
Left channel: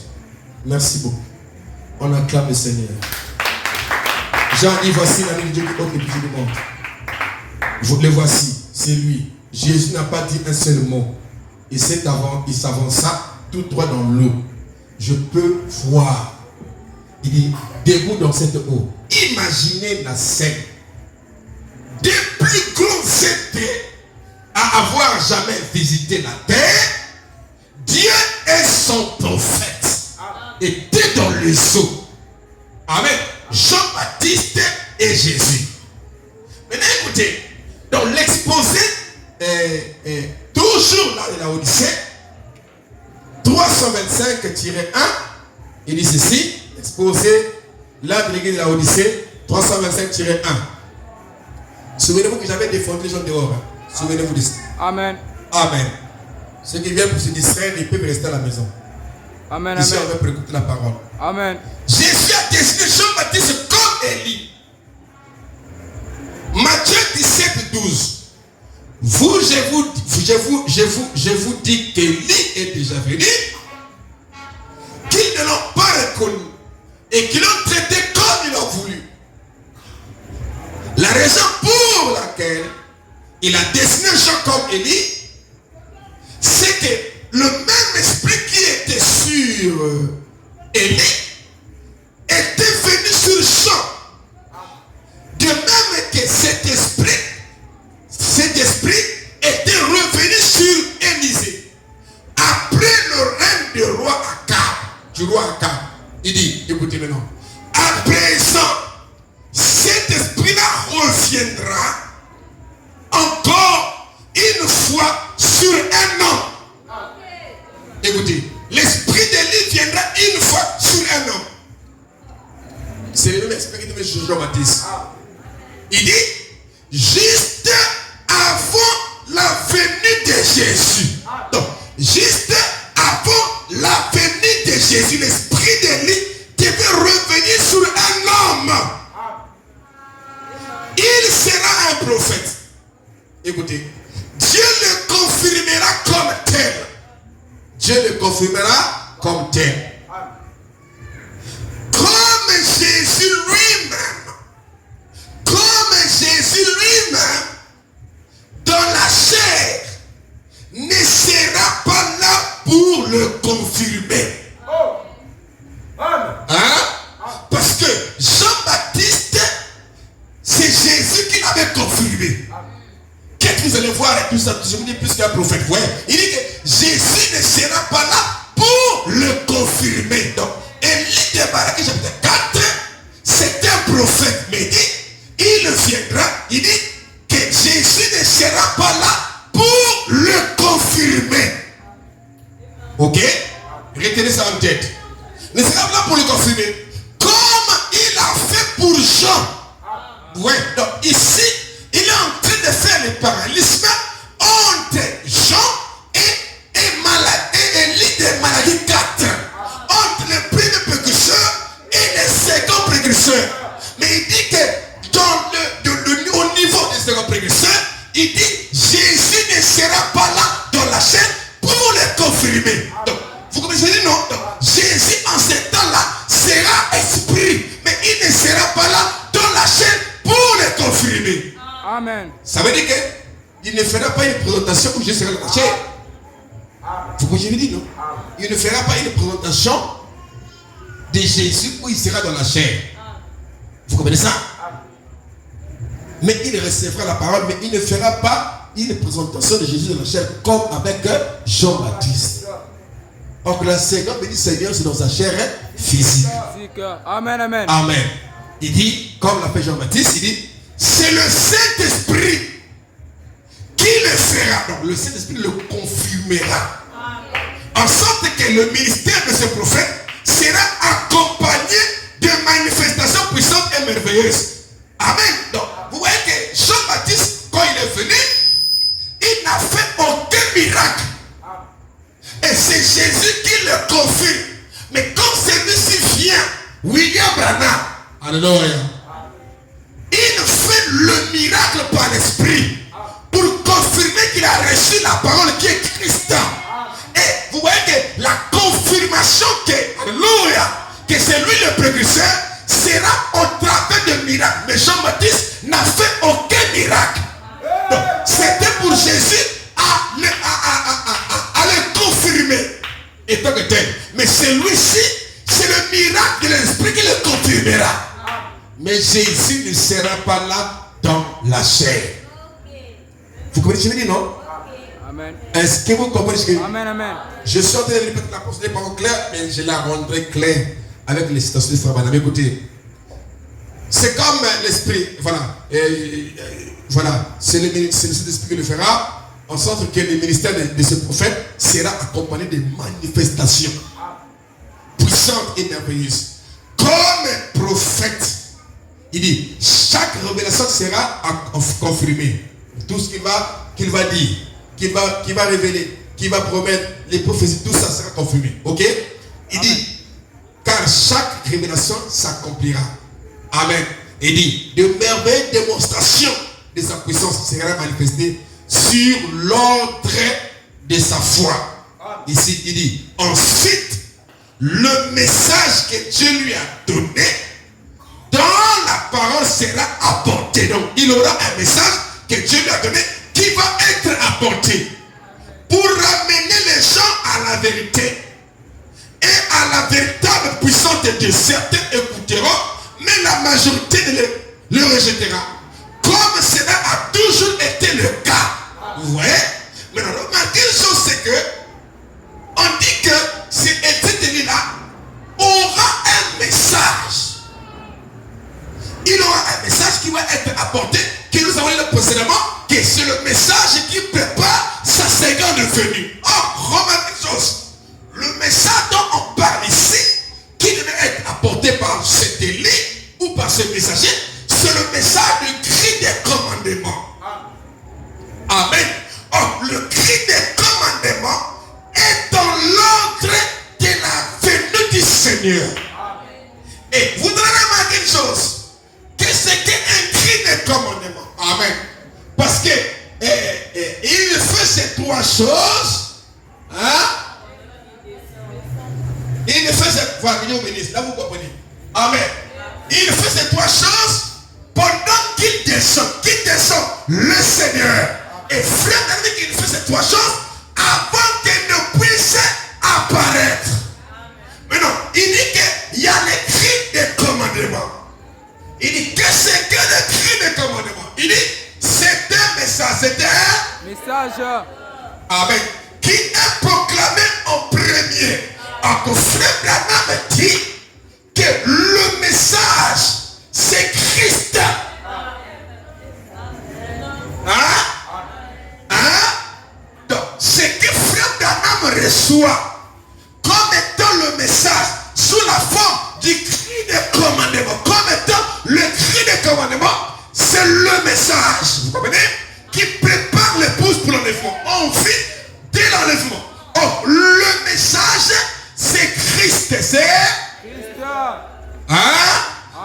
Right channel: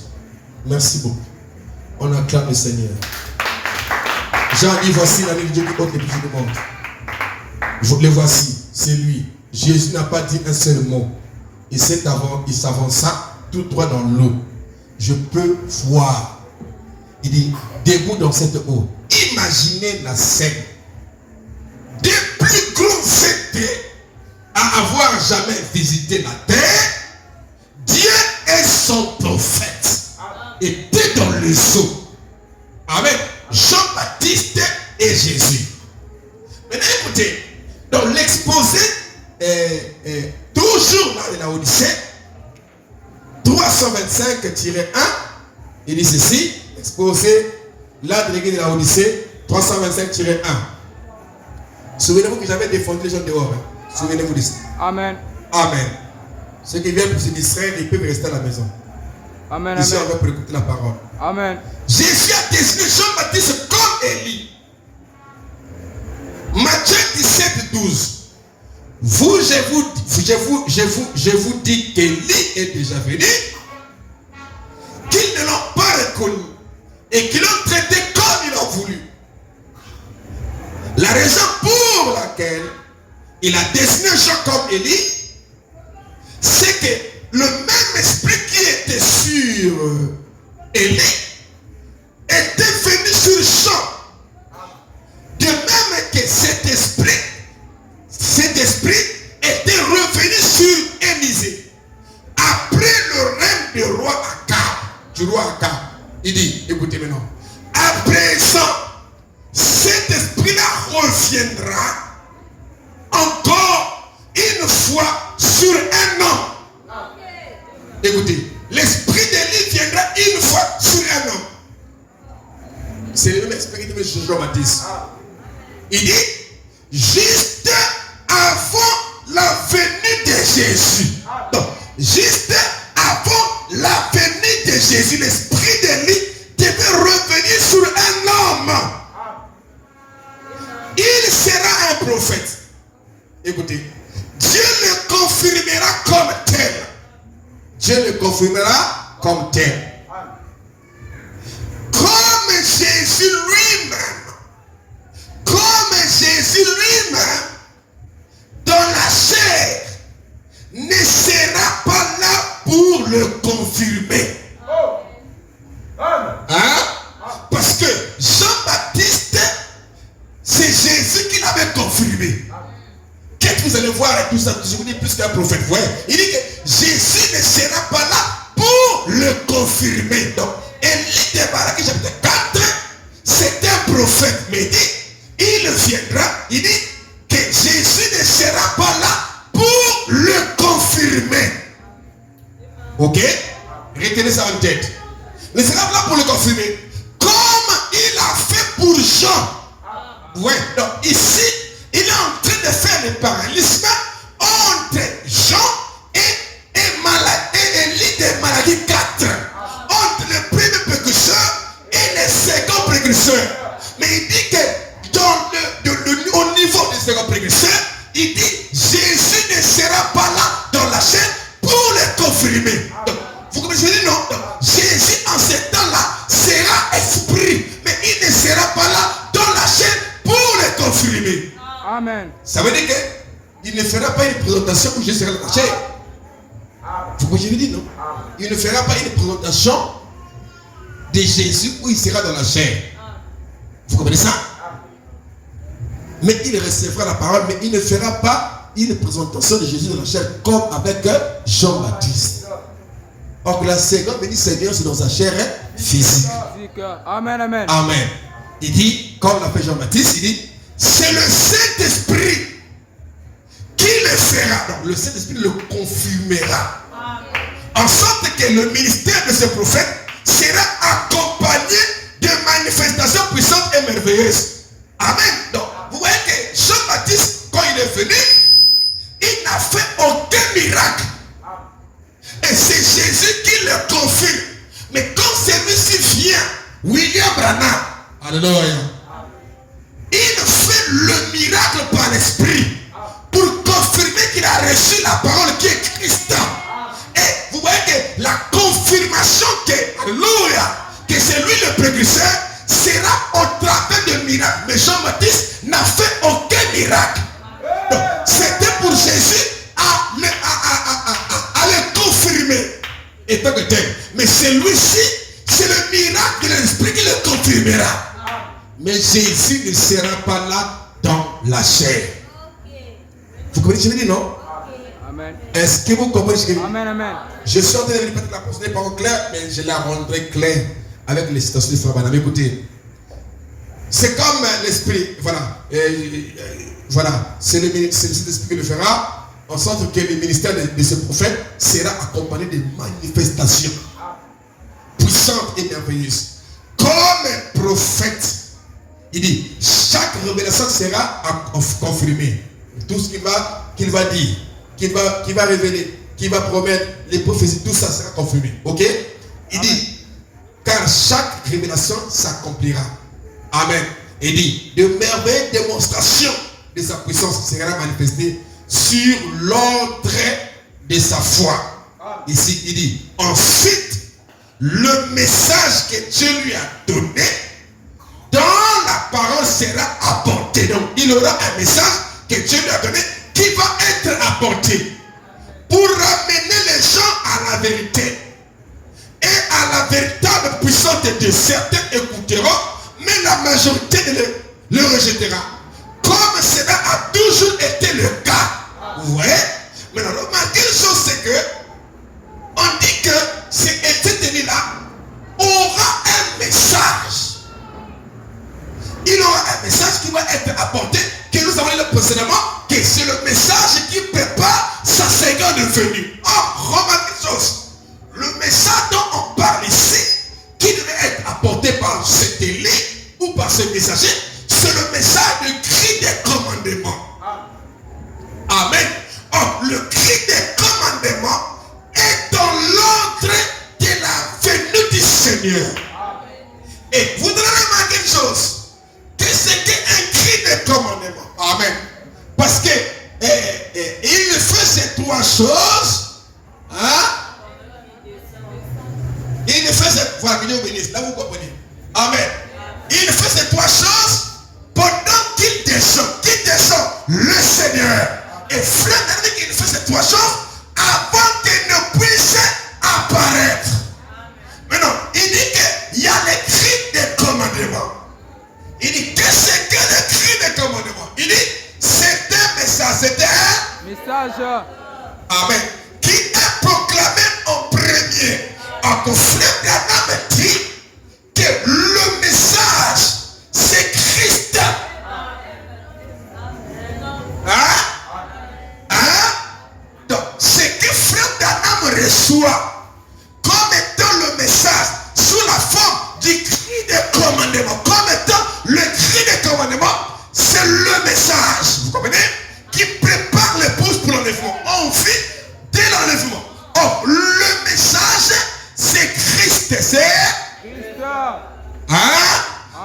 Merci beaucoup. On acclame le Seigneur. Jean dit, voici l'ami de Dieu qui ôte les péchés du monde. Vous le voici, c'est lui. Jésus n'a pas dit un seul mot. Il s'avança tout droit dans l'eau. Je peux voir. Il dit, debout dans cette eau. Imaginez la scène. Des plus grands êtres à avoir jamais visité la terre, Dieu et son prophète étaient dans les eaux. Avec Jean-Baptiste et Jésus. Maintenant écoutez, dans l'exposé, toujours là de la Odyssée, 325-1, il dit ceci, exposé là de l'église de la Odyssée, 325-1. Souvenez-vous que j'avais défendu les gens dehors. Hein? Souvenez-vous de ça. Amen. Amen. Ceux qui viennent pour se distraire, ils peuvent rester à la maison. Amen. Ici, Amen. on va pour écouter la parole. Amen. Jésus a destiné Jean-Baptiste comme Élie. Matthieu 17:12. Vous, je vous dis qu'Élie est déjà venu, qu'ils ne l'ont pas reconnu et qu'ils l'ont traité comme ils l'ont voulu. La raison pour laquelle il a destiné Jean comme Élie, le même esprit qui était sur Élie était venu sur le champ. De même que cet esprit était revenu sur Élisée. Après le règne du roi Akab, il dit, écoutez maintenant, à présent, cet esprit-là reviendra encore une fois sur un homme. Écoutez, l'esprit d'Élie viendra une fois sur un homme. C'est le même esprit qui dit Jean-Baptiste. Il dit, juste avant la venue de Jésus. Donc, juste avant la venue de Jésus, l'esprit d'Élie devait revenir sur un homme. Il sera un prophète. Écoutez, Dieu le confirmera comme tel. Dieu le confirmera comme tel. Comme Jésus lui-même, dans la chair, ne sera pas là pour le confirmer. Hein? Parce que Jean-Baptiste, c'est Jésus qui l'avait confirmé. Qu'est-ce que vous allez voir avec tout ça? Je vous dis plus qu'un prophète. Ouais. Il dit que Jésus ne sera pas là pour le confirmer. Donc, Élie de Malachie chapitre 4, c'est un prophète. Mais il viendra, il dit que Jésus ne sera pas là pour le confirmer. Ok? Retenez ça en tête. Ne sera pas là pour le confirmer. Comme il a fait pour Jean. Ouais, donc ici, il est en train de faire le parallélisme entre Jean et Élie de Malachie 4. Entre le premier précurseur et le second précurseur. Mais il dit que au niveau du second précurseur, il dit Jésus ne sera pas là dans la chair pour le confirmer. Donc, vous comprenez? Non. Donc, Jésus en ce temps-là sera esprit, mais il ne sera pas là dans la chair pour le confirmer. Amen. Ça veut dire qu'il ne fera pas une présentation où Jésus sera dans la chair. Vous comprenez? Non. Il ne fera pas une présentation de Jésus où il sera dans la chair. Vous comprenez ça? Mais il recevra la parole, mais il ne fera pas une présentation de Jésus dans la chair comme avec Jean-Baptiste. Donc la seconde bénie Seigneur, c'est dans sa chair physique. Amen, amen. Amen. Il dit, comme l'a fait Jean-Baptiste, il dit, c'est le Saint-Esprit qui le fera. Donc le Saint-Esprit le confirmera. En sorte que le ministère de ce prophète sera accompagné de manifestations puissantes et merveilleuses. Amen. Donc, vous voyez que Jean-Baptiste, quand il est venu, il n'a fait aucun miracle. Et c'est Jésus qui le confirme. Mais quand celui-ci vient, William Branham, alléluia, il fait le miracle par l'esprit pour confirmer qu'il a reçu la parole qui est Christ. Et vous voyez que la confirmation que c'est lui le précurseur sera au travers de miracles. Mais Jean-Baptiste n'a fait aucun miracle. Donc, c'était pour Jésus à le confirmer étant que tel. Mais celui-ci, c'est le miracle de l'esprit qui le confirmera. Mais Jésus ne sera pas là dans la chair. Vous comprenez ce que je dis, non? Amen. Est-ce que vous comprenez ce que je dis? Amen, amen. Je suis en train de répéter la pensée, n'est pas claire, mais je la rendrai claire avec les citations de Frère Branham. Écoutez, c'est comme l'esprit, voilà, voilà, c'est l'esprit qui le fera, en sorte que le ministère de ce prophète sera accompagné de manifestations puissantes et merveilleuses. Comme prophète, il dit, chaque révélation sera confirmée. Tout ce qu'il va dire, qu'il va révéler, qu'il va promettre, les prophéties, tout ça sera confirmé. Ok? Il dit, car chaque révélation s'accomplira. Amen. Il dit, de merveilleuses démonstrations de sa puissance sera manifestée sur l'ordre de sa foi. Ici, il dit, ensuite, le message que Dieu lui a donné dans la parole sera apporté. Donc, il aura un message que Dieu lui a donné qui va être apporté pour ramener les gens à la vérité et à la véritable puissance de Dieu, certains écouteront, mais la majorité le rejettera. Comme cela a toujours été le cas. Vous voyez? Maintenant, remarquez une chose, c'est que on dit que cet Élie-là aura un message. Il aura un message qui va être apporté, que nous avons dit précédemment, que c'est le message qui prépare sa seconde venue. Or, remarquez une chose. Le message dont on parle ici, qui devait être apporté par cet Élie ou par ce messager, c'est le message du cri des commandements. Amen. Or, le cri des commandements est dans l'ordre de la venue du Seigneur. Et vous devez remarquer une chose, que c'est qu'un cri de commandement. Amen. Parce que il fait ces trois choses. Hein? Il fait ces voilà, là vous comprenez. Amen. Il fait ces trois choses pendant qu'il descend. Qu'il descend le Seigneur. Et frère, il fait ces trois choses avant qu'il ne puisse apparaître. Maintenant, il dit qu'il y a les cris des commandements. Il dit que c'est que le cri des commandements. Il dit c'est un message, c'est un message. Amen. Qui est proclamé en premier. Alors, frère Branham dit que le message, c'est Christ. Donc, ce que frère Branham reçoit comme étant le message sous la forme du cri de commandement, comme étant le cri de commandement, c'est le message, vous comprenez, qui prépare l'épouse pour l'enlèvement. On vit dès l'enlèvement. Oh, le message, c'est Christ, c'est Christ.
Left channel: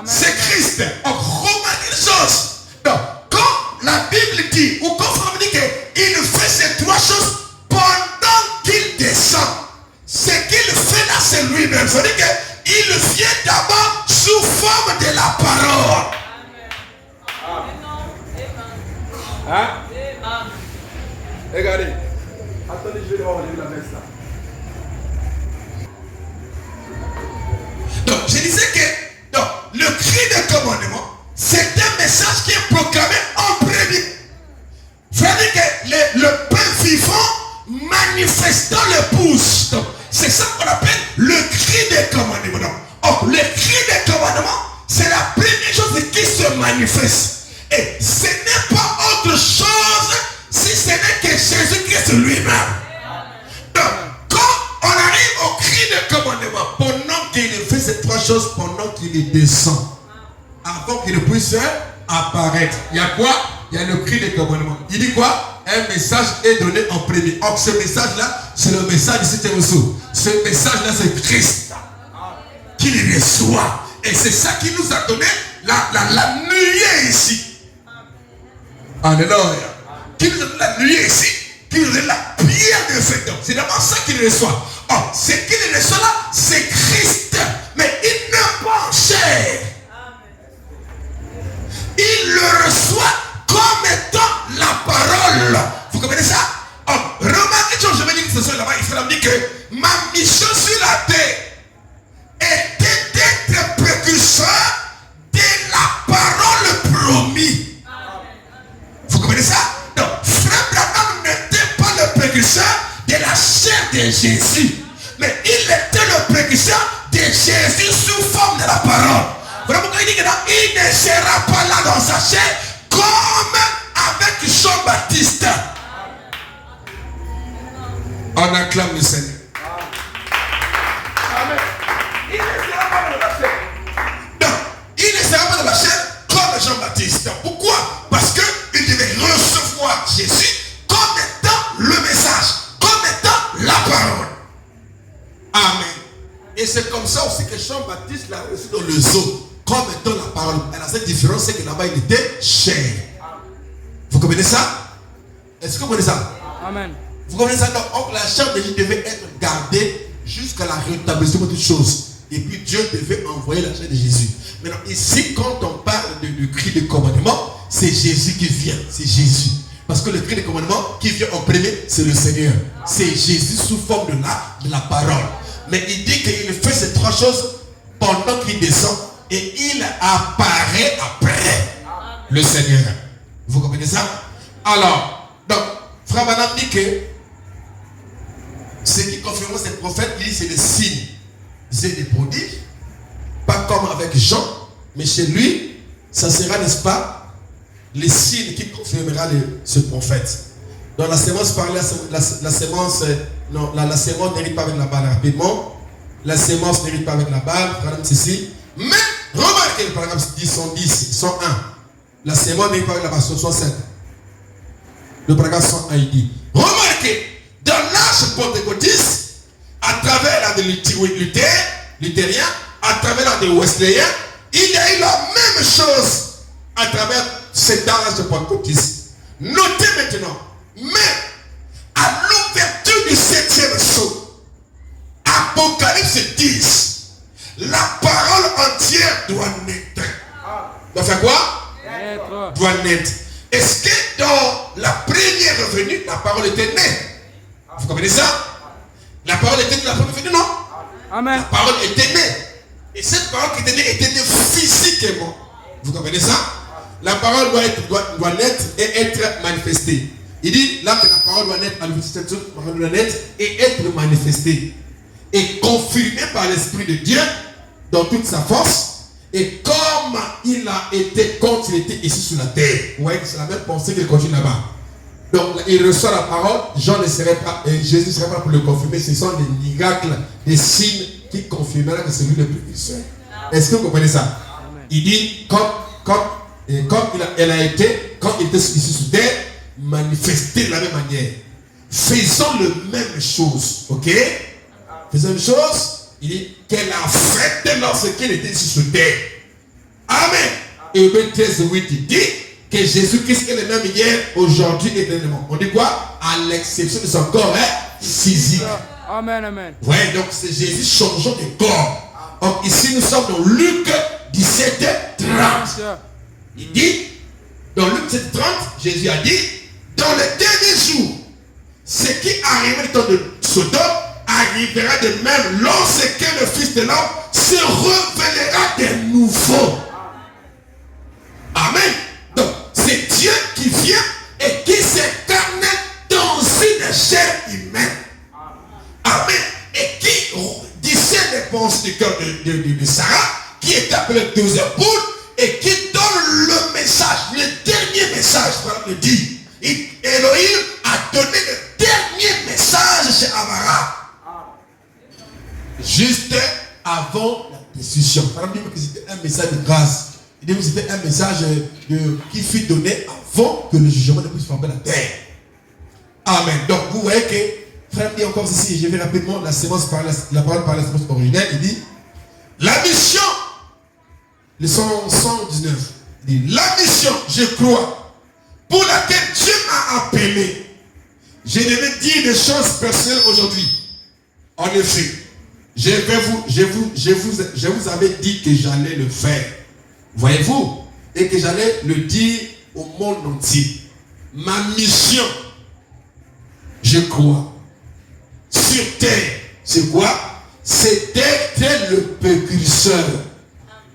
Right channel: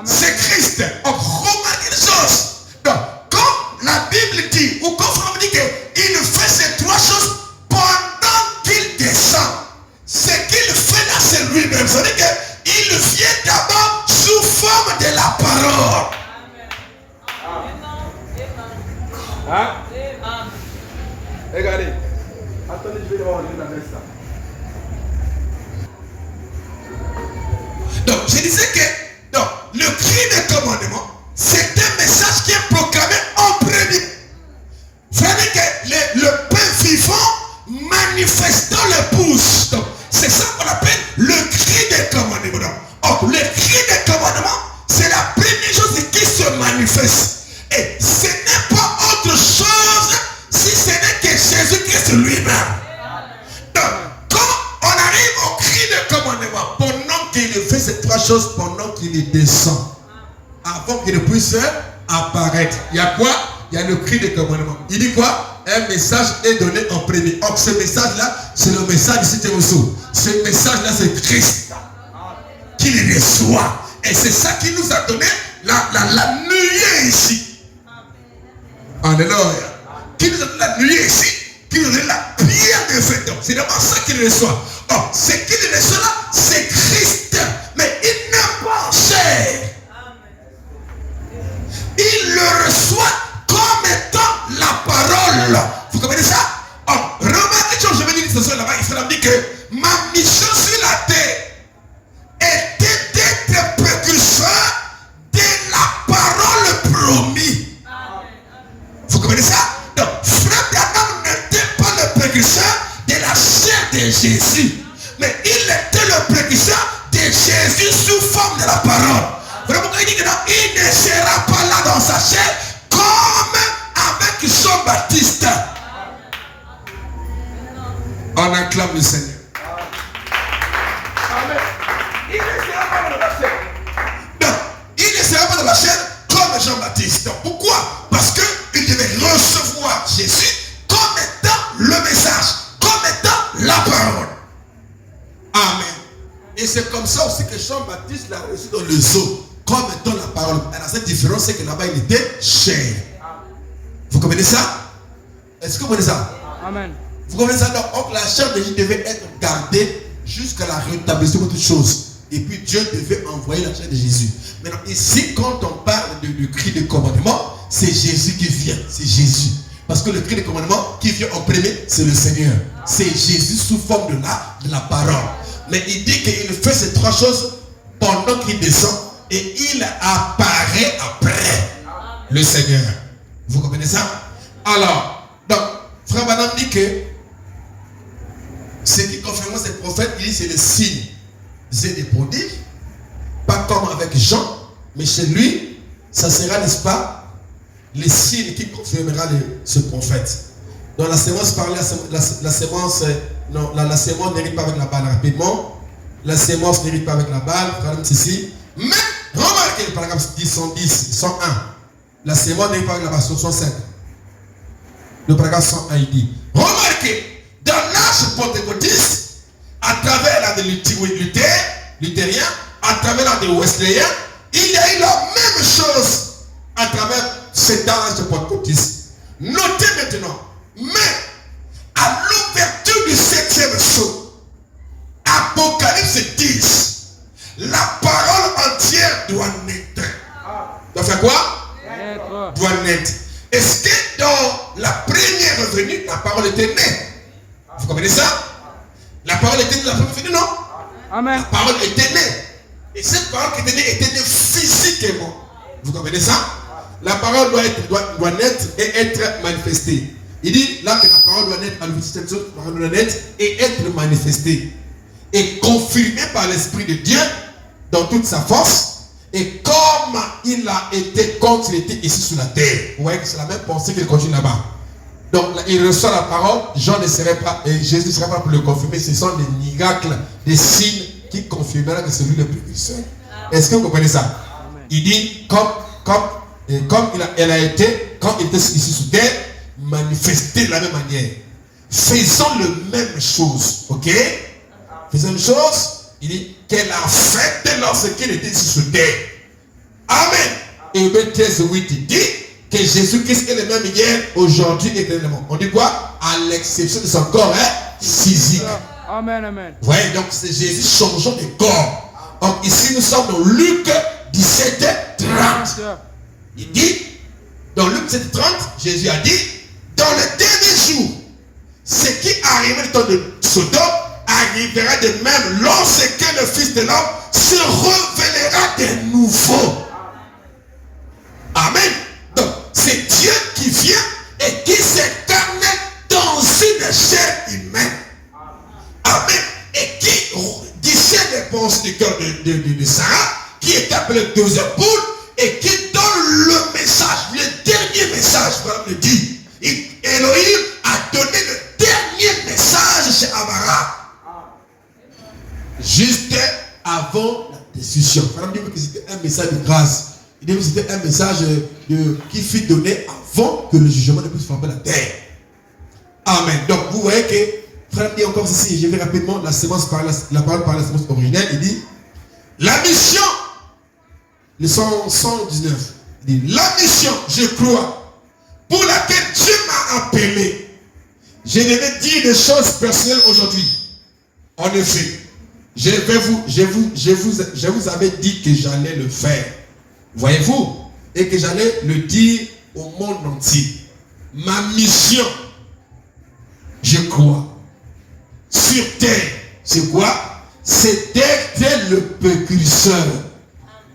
C'est Christ. Oh, remarquez une chose. Donc, quand la Bible dit, ou quand on dit qu'il fait ces trois choses pendant qu'il descend, ce qu'il fait là, c'est lui-même. C'est-à-dire qu'il vient d'abord sous forme de la parole. Hein? Regardez. Attendez, je vais devoir lire la messe là. Donc, je disais que donc, le cri de commandement, c'est un message qui est proclamé en premier. C'est-à-dire que le pain vivant manifestant l'épouse. Donc, c'est ça qu'on appelle le cri de commandement. Donc, le cri de commandement, c'est la première chose qui se manifeste. Et ce n'est pas autre chose si ce n'est que Jésus-Christ lui-même. Donc, quand on arrive au cri de commandement, pendant qu'il fait ces trois choses, pendant qu'il descend, avant qu'il ne puisse apparaître, il y a quoi? Il y a le cri de commandement. Il dit quoi? Un message est donné en premier. Or, ce message-là, c'est le message de cet Émousseau. Ce message-là, c'est Christ qui reçoit. Et c'est ça qui nous a donné la nuée ici. Alléluia. Qui nous a donné la nuée ici, qui nous a donné la pierre de fête. C'est vraiment ça qu'il reçoit. Or, ce qu'il reçoit là, c'est Christ. Mais il n'est pas en chair. Il le reçoit comme étant la parole. Vous comprenez ça? Or, remarquez ce que je vais dire ce soir là-bas. Il faut dire que ma mission sur la terre était d'être précurseur de la parole promise. Vous comprenez ça? Donc, frère Branham n'était pas le précurseur de la chair de Jésus, mais il était le précurseur de Jésus sous forme de la parole. Vraiment, il dit que il ne sera pas là dans sa chair comme avec Jean-Baptiste. On acclame le Seigneur. Amen. Il ne sera pas dans la chair. Non, il ne sera pas dans la chair comme Jean-Baptiste. Pourquoi? Parce qu'il devait recevoir Jésus comme étant le message, comme étant la parole. Amen. Et c'est comme ça aussi que Jean-Baptiste l'a reçu dans le zoo, comme étant la parole. Et la seule différence, c'est que là-bas, il était chair. Vous comprenez ça? Est-ce que vous comprenez ça? Amen. Vous comprenez ça? Donc, la chair de Jésus devait être gardée jusqu'à la rétablissement de toutes choses. Et puis Dieu devait envoyer la chair de Jésus. Maintenant, ici, quand on parle du cri de commandement, c'est Jésus qui vient. C'est Jésus. Parce que le cri de commandement qui vient en premier, c'est le Seigneur. C'est Jésus sous forme de la parole. Mais il dit qu'il fait ces trois choses pendant qu'il descend et il apparaît après le Seigneur. Vous comprenez ça? Alors, donc, Frère Branham dit que ce qui confirme ces prophètes, il dit c'est des signes et des prodiges. Pas comme avec Jean, mais chez lui, ça sera, n'est-ce pas, les signes qui confirmera ce prophète. Dans la sémence parlée, la sémence, non, la sémence n'hérite pas avec la balle rapidement. La sémence n'hérite pas avec la balle, ceci. Mais remarquez le paragraphe 110, 101. La sémence n'hérite pas avec la balle, 65. Le paragraphe 101, il dit, remarquez, dans l'âge pentecôtiste, à travers la de luthérien, à travers la de wesleyen, il y a eu la même chose à travers cet âge pentecôtiste. Notez maintenant, mais à l'ouverture du 7e sceau, Apocalypse 10, la parole entière doit naître. Doit faire quoi? Naître. Doit naître. Est-ce que dans la première venue, la parole était née? Vous comprenez ça? La parole était née dans la première venue, non? Amen. La parole était née. Et cette parole qui était née physiquement. Vous comprenez ça? La parole doit naître et être manifestée. Il dit là que la parole doit naître à l'université, la parole doit naître et être manifestée. Et confirmée par l'Esprit de Dieu dans toute sa force. Et comme il a été quand il était ici sur la terre. Vous voyez que c'est la même pensée qu'il continue là-bas. Donc il reçoit la parole, Jean ne serait pas, et Jésus ne serait pas pour le confirmer. Ce sont des miracles, des signes qui confirmeront que c'est lui le précurseur. Est-ce que vous comprenez ça? Amen. Il dit comme elle a été, quand il était ici sur terre, manifesté de la même manière. Faisons le même chose. Ok? Faisons une chose. Il dit qu'elle a fait lorsqu'elle était ici sur terre. Amen. Et Hébreux 13:8 il dit que Jésus-Christ est le même hier, aujourd'hui et éternellement. On dit quoi? À l'exception de son corps physique. Amen, amen. Vous voyez, donc c'est Jésus changeant de corps. Donc ici nous sommes dans Luc 17:30. Il dit, dans Luc 17:30, Jésus a dit, dans les derniers jours, ce qui arrivera dans le Sodome arrivera de même lorsque le Fils de l'homme se révélera de nouveau. Amen. Donc, c'est Dieu qui vient et qui s'incarne dans une chair humaine. Amen. Et qui discerne les pensées du cœur de Sarah, qui est appelé deuxième boule, et qui donne le message, le dernier message, voilà le dit. Elohim a donné le dernier message chez Abraham. Juste avant la destruction. Abraham dit que c'était un message de grâce. Il dit que c'était un message qui fut donné avant que le jugement ne puisse frapper la terre. Amen. Donc vous voyez que, frère dit encore ceci, je vais rapidement la parole par la sémence originelle, il dit, la mission, le 119, il dit, la mission, je crois, pour laquelle Dieu m'a appelé. Je devais dire des choses personnelles aujourd'hui. En effet, je vous avais dit que j'allais le faire. Voyez-vous? Et que j'allais le dire au monde entier. Ma mission, je crois, sur terre, c'est quoi? C'est d'être le précurseur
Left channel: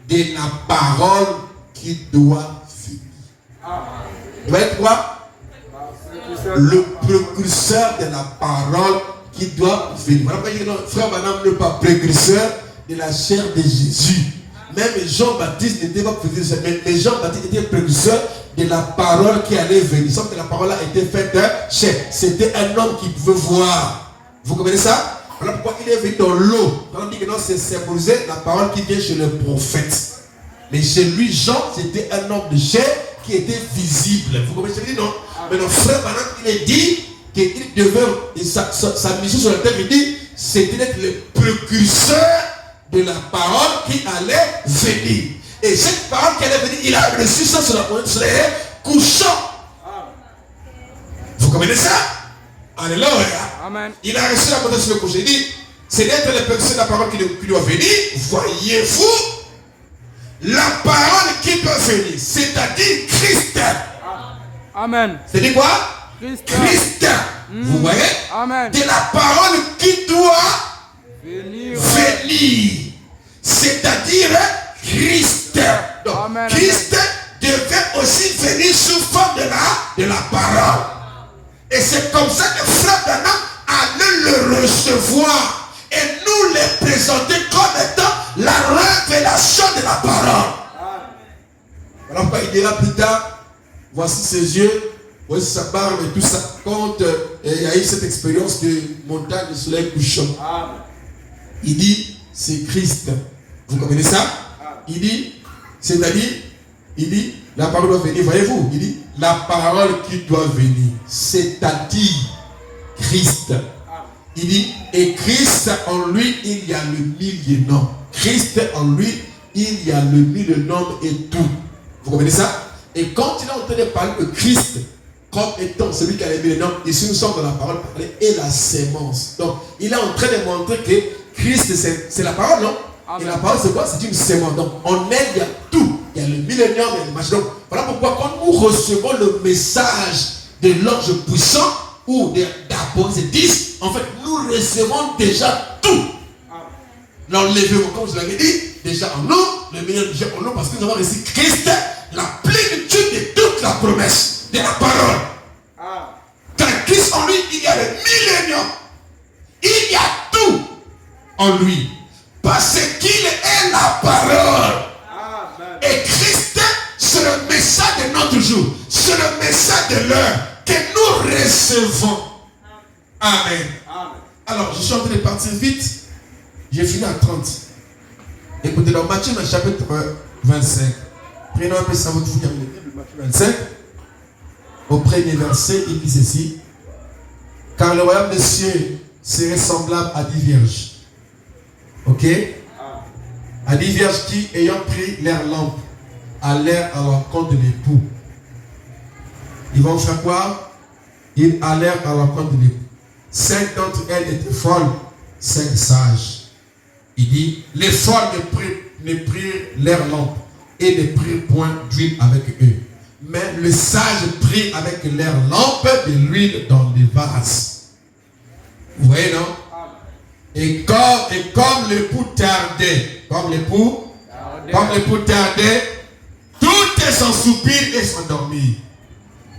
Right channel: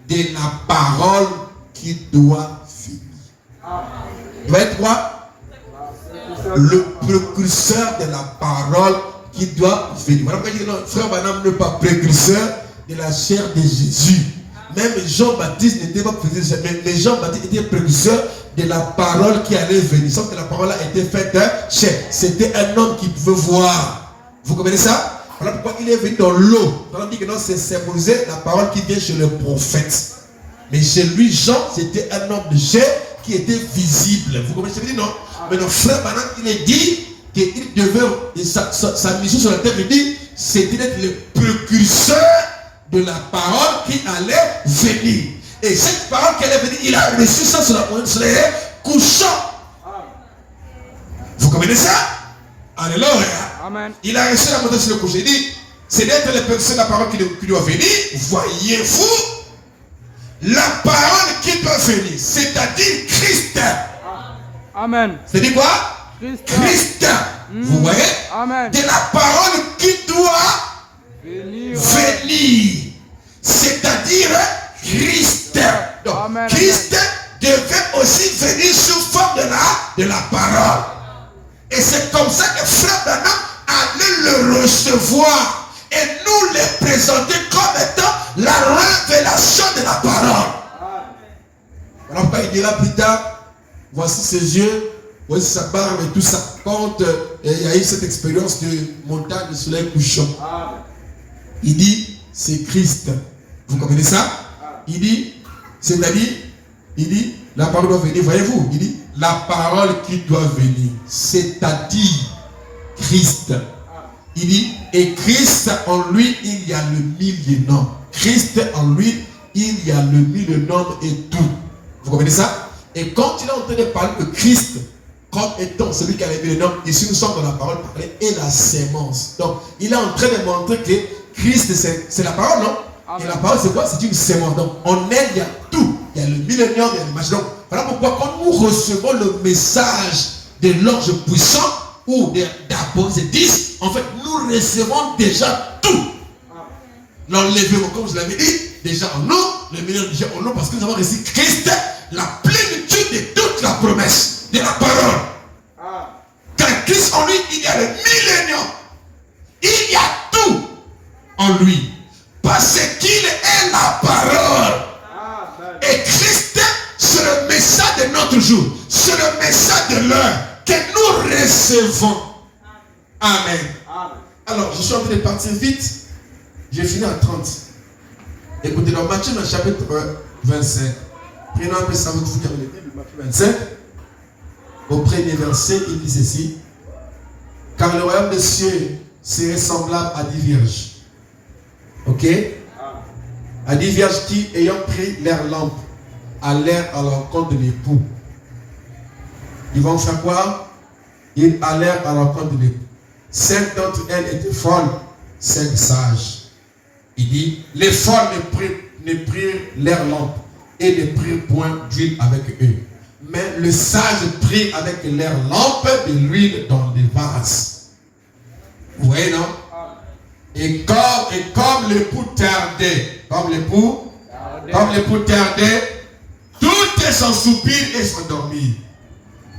de la parole qui doit venir. Doit être quoi? Le précurseur de la parole qui doit venir. Voilà pourquoi je dis non, frère Madame n'est pas précurseur de la chair de Jésus. Même Jean-Baptiste n'était pas précurseur, mais Jean-Baptiste était précurseur de la parole qui allait venir. Sauf que la parole a été faite chair. C'était un homme qui pouvait voir. Vous comprenez ça? Voilà pourquoi il est venu dans l'eau. On dit que non, c'est symboliser la parole qui vient chez le prophète. Mais chez lui, Jean, c'était un homme de chair qui était visible. Vous comprenez ce que je dis, non? Mais notre frère Banat, il est dit qu'il devait, sa mission sur la terre, il dit, c'était d'être le précurseur de la parole qui allait venir. Et cette parole qui allait venir, il a reçu ça sur la couchant. Vous comprenez ça? Alléluia. Amen. Il a reçu la montagne sur le coucher. Il dit, c'est d'être le précurseur de la parole qui doit venir. Voyez-vous la parole qui doit venir, c'est-à-dire Christ. Amen. C'est-à-dire quoi? Christ. Vous voyez? Amen. De la parole qui doit Venir. C'est-à-dire Christ. Donc, Amen, Christ devait aussi venir sous forme de la parole. Et c'est comme ça que Frère Branham allait le recevoir et nous le présenter comme étant la révélation de la parole. Alors quand il dira plus tard, voici ses yeux, voici sa barbe et tout ça, quand il y a eu cette expérience de montagne de soleil couchant, il dit, c'est Christ. Vous comprenez ça? Il dit, c'est-à-dire, il dit, la parole doit venir, voyez-vous, il dit, la parole qui doit venir, c'est-à-dire Christ. Il dit, et Christ en lui, il y a le mille noms. Christ en lui, il y a le mille noms et tout. Vous comprenez ça? Et quand il est en train de parler de Christ, comme étant celui qui a les mille noms, ici nous sommes dans la parole parlée et la sémence. Donc, il est en train de montrer que Christ, c'est la parole, non? Amen. Et la parole, c'est quoi? C'est une sémence. Donc, en elle, il y a tout. Il y a le millénium, il y a le machin. Donc, voilà pourquoi quand nous recevons le message de l'ange puissant ou d'Apocalypse 10, en fait, nous recevons déjà tout. L'enlèvement, comme je l'avais dit, déjà en nous, le millénium déjà en nous, parce que nous avons reçu Christ, la plénitude de toute la promesse de la parole. Car Christ en lui, il y a le millénium. Il y a tout en lui. Parce qu'il est la parole. Et Christ, c'est le message de notre jour. C'est le message de l'heure que nous recevons. Amen. Alors, je suis en train de partir vite. J'ai fini à 30. Écoutez, dans Matthieu, dans le chapitre 25. Prenons un peu ça, vous finir avec le début de Matthieu 25. Au premier verset, il dit ceci. Car le royaume des cieux serait semblable à 10 vierges. Ok? À 10 vierges qui, ayant pris leur lampe, allèrent à l'encontre de l'époux. Ils vont faire quoi? Ils allèrent à l'encontre de l'époux. 5 d'entre elles étaient folles, 5 sages. Il dit, les folles ne prirent leur lampe et ne prirent point d'huile avec eux. Mais le sage prit avec leur lampe de l'huile dans des vases. Vous voyez, non? Et comme l'époux tardait, comme l'époux tardait, tout est sans soupir et sans dormir.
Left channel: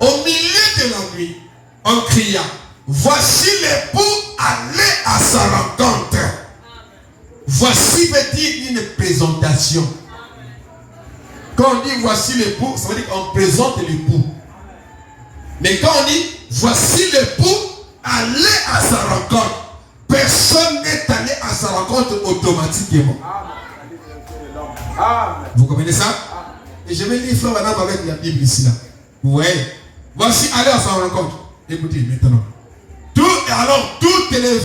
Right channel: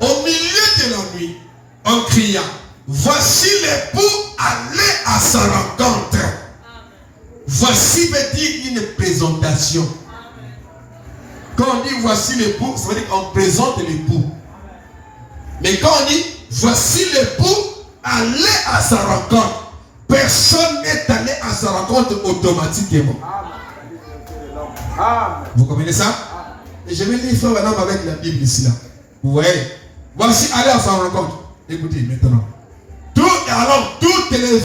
Au milieu de la nuit, on cria, voici l'époux, allez à sa rencontre. Voici veut dire une présentation. Quand on dit voici l'époux, ça veut dire qu'on présente l'époux. Mais quand on dit voici l'époux, allez à sa rencontre. Personne n'est allé à sa rencontre automatiquement. Amen. Vous comprenez ça? Et je vais lire frère Adam avec la Bible ici là. Vous voyez? Voici aller à sa rencontre. Écoutez maintenant. Toutes les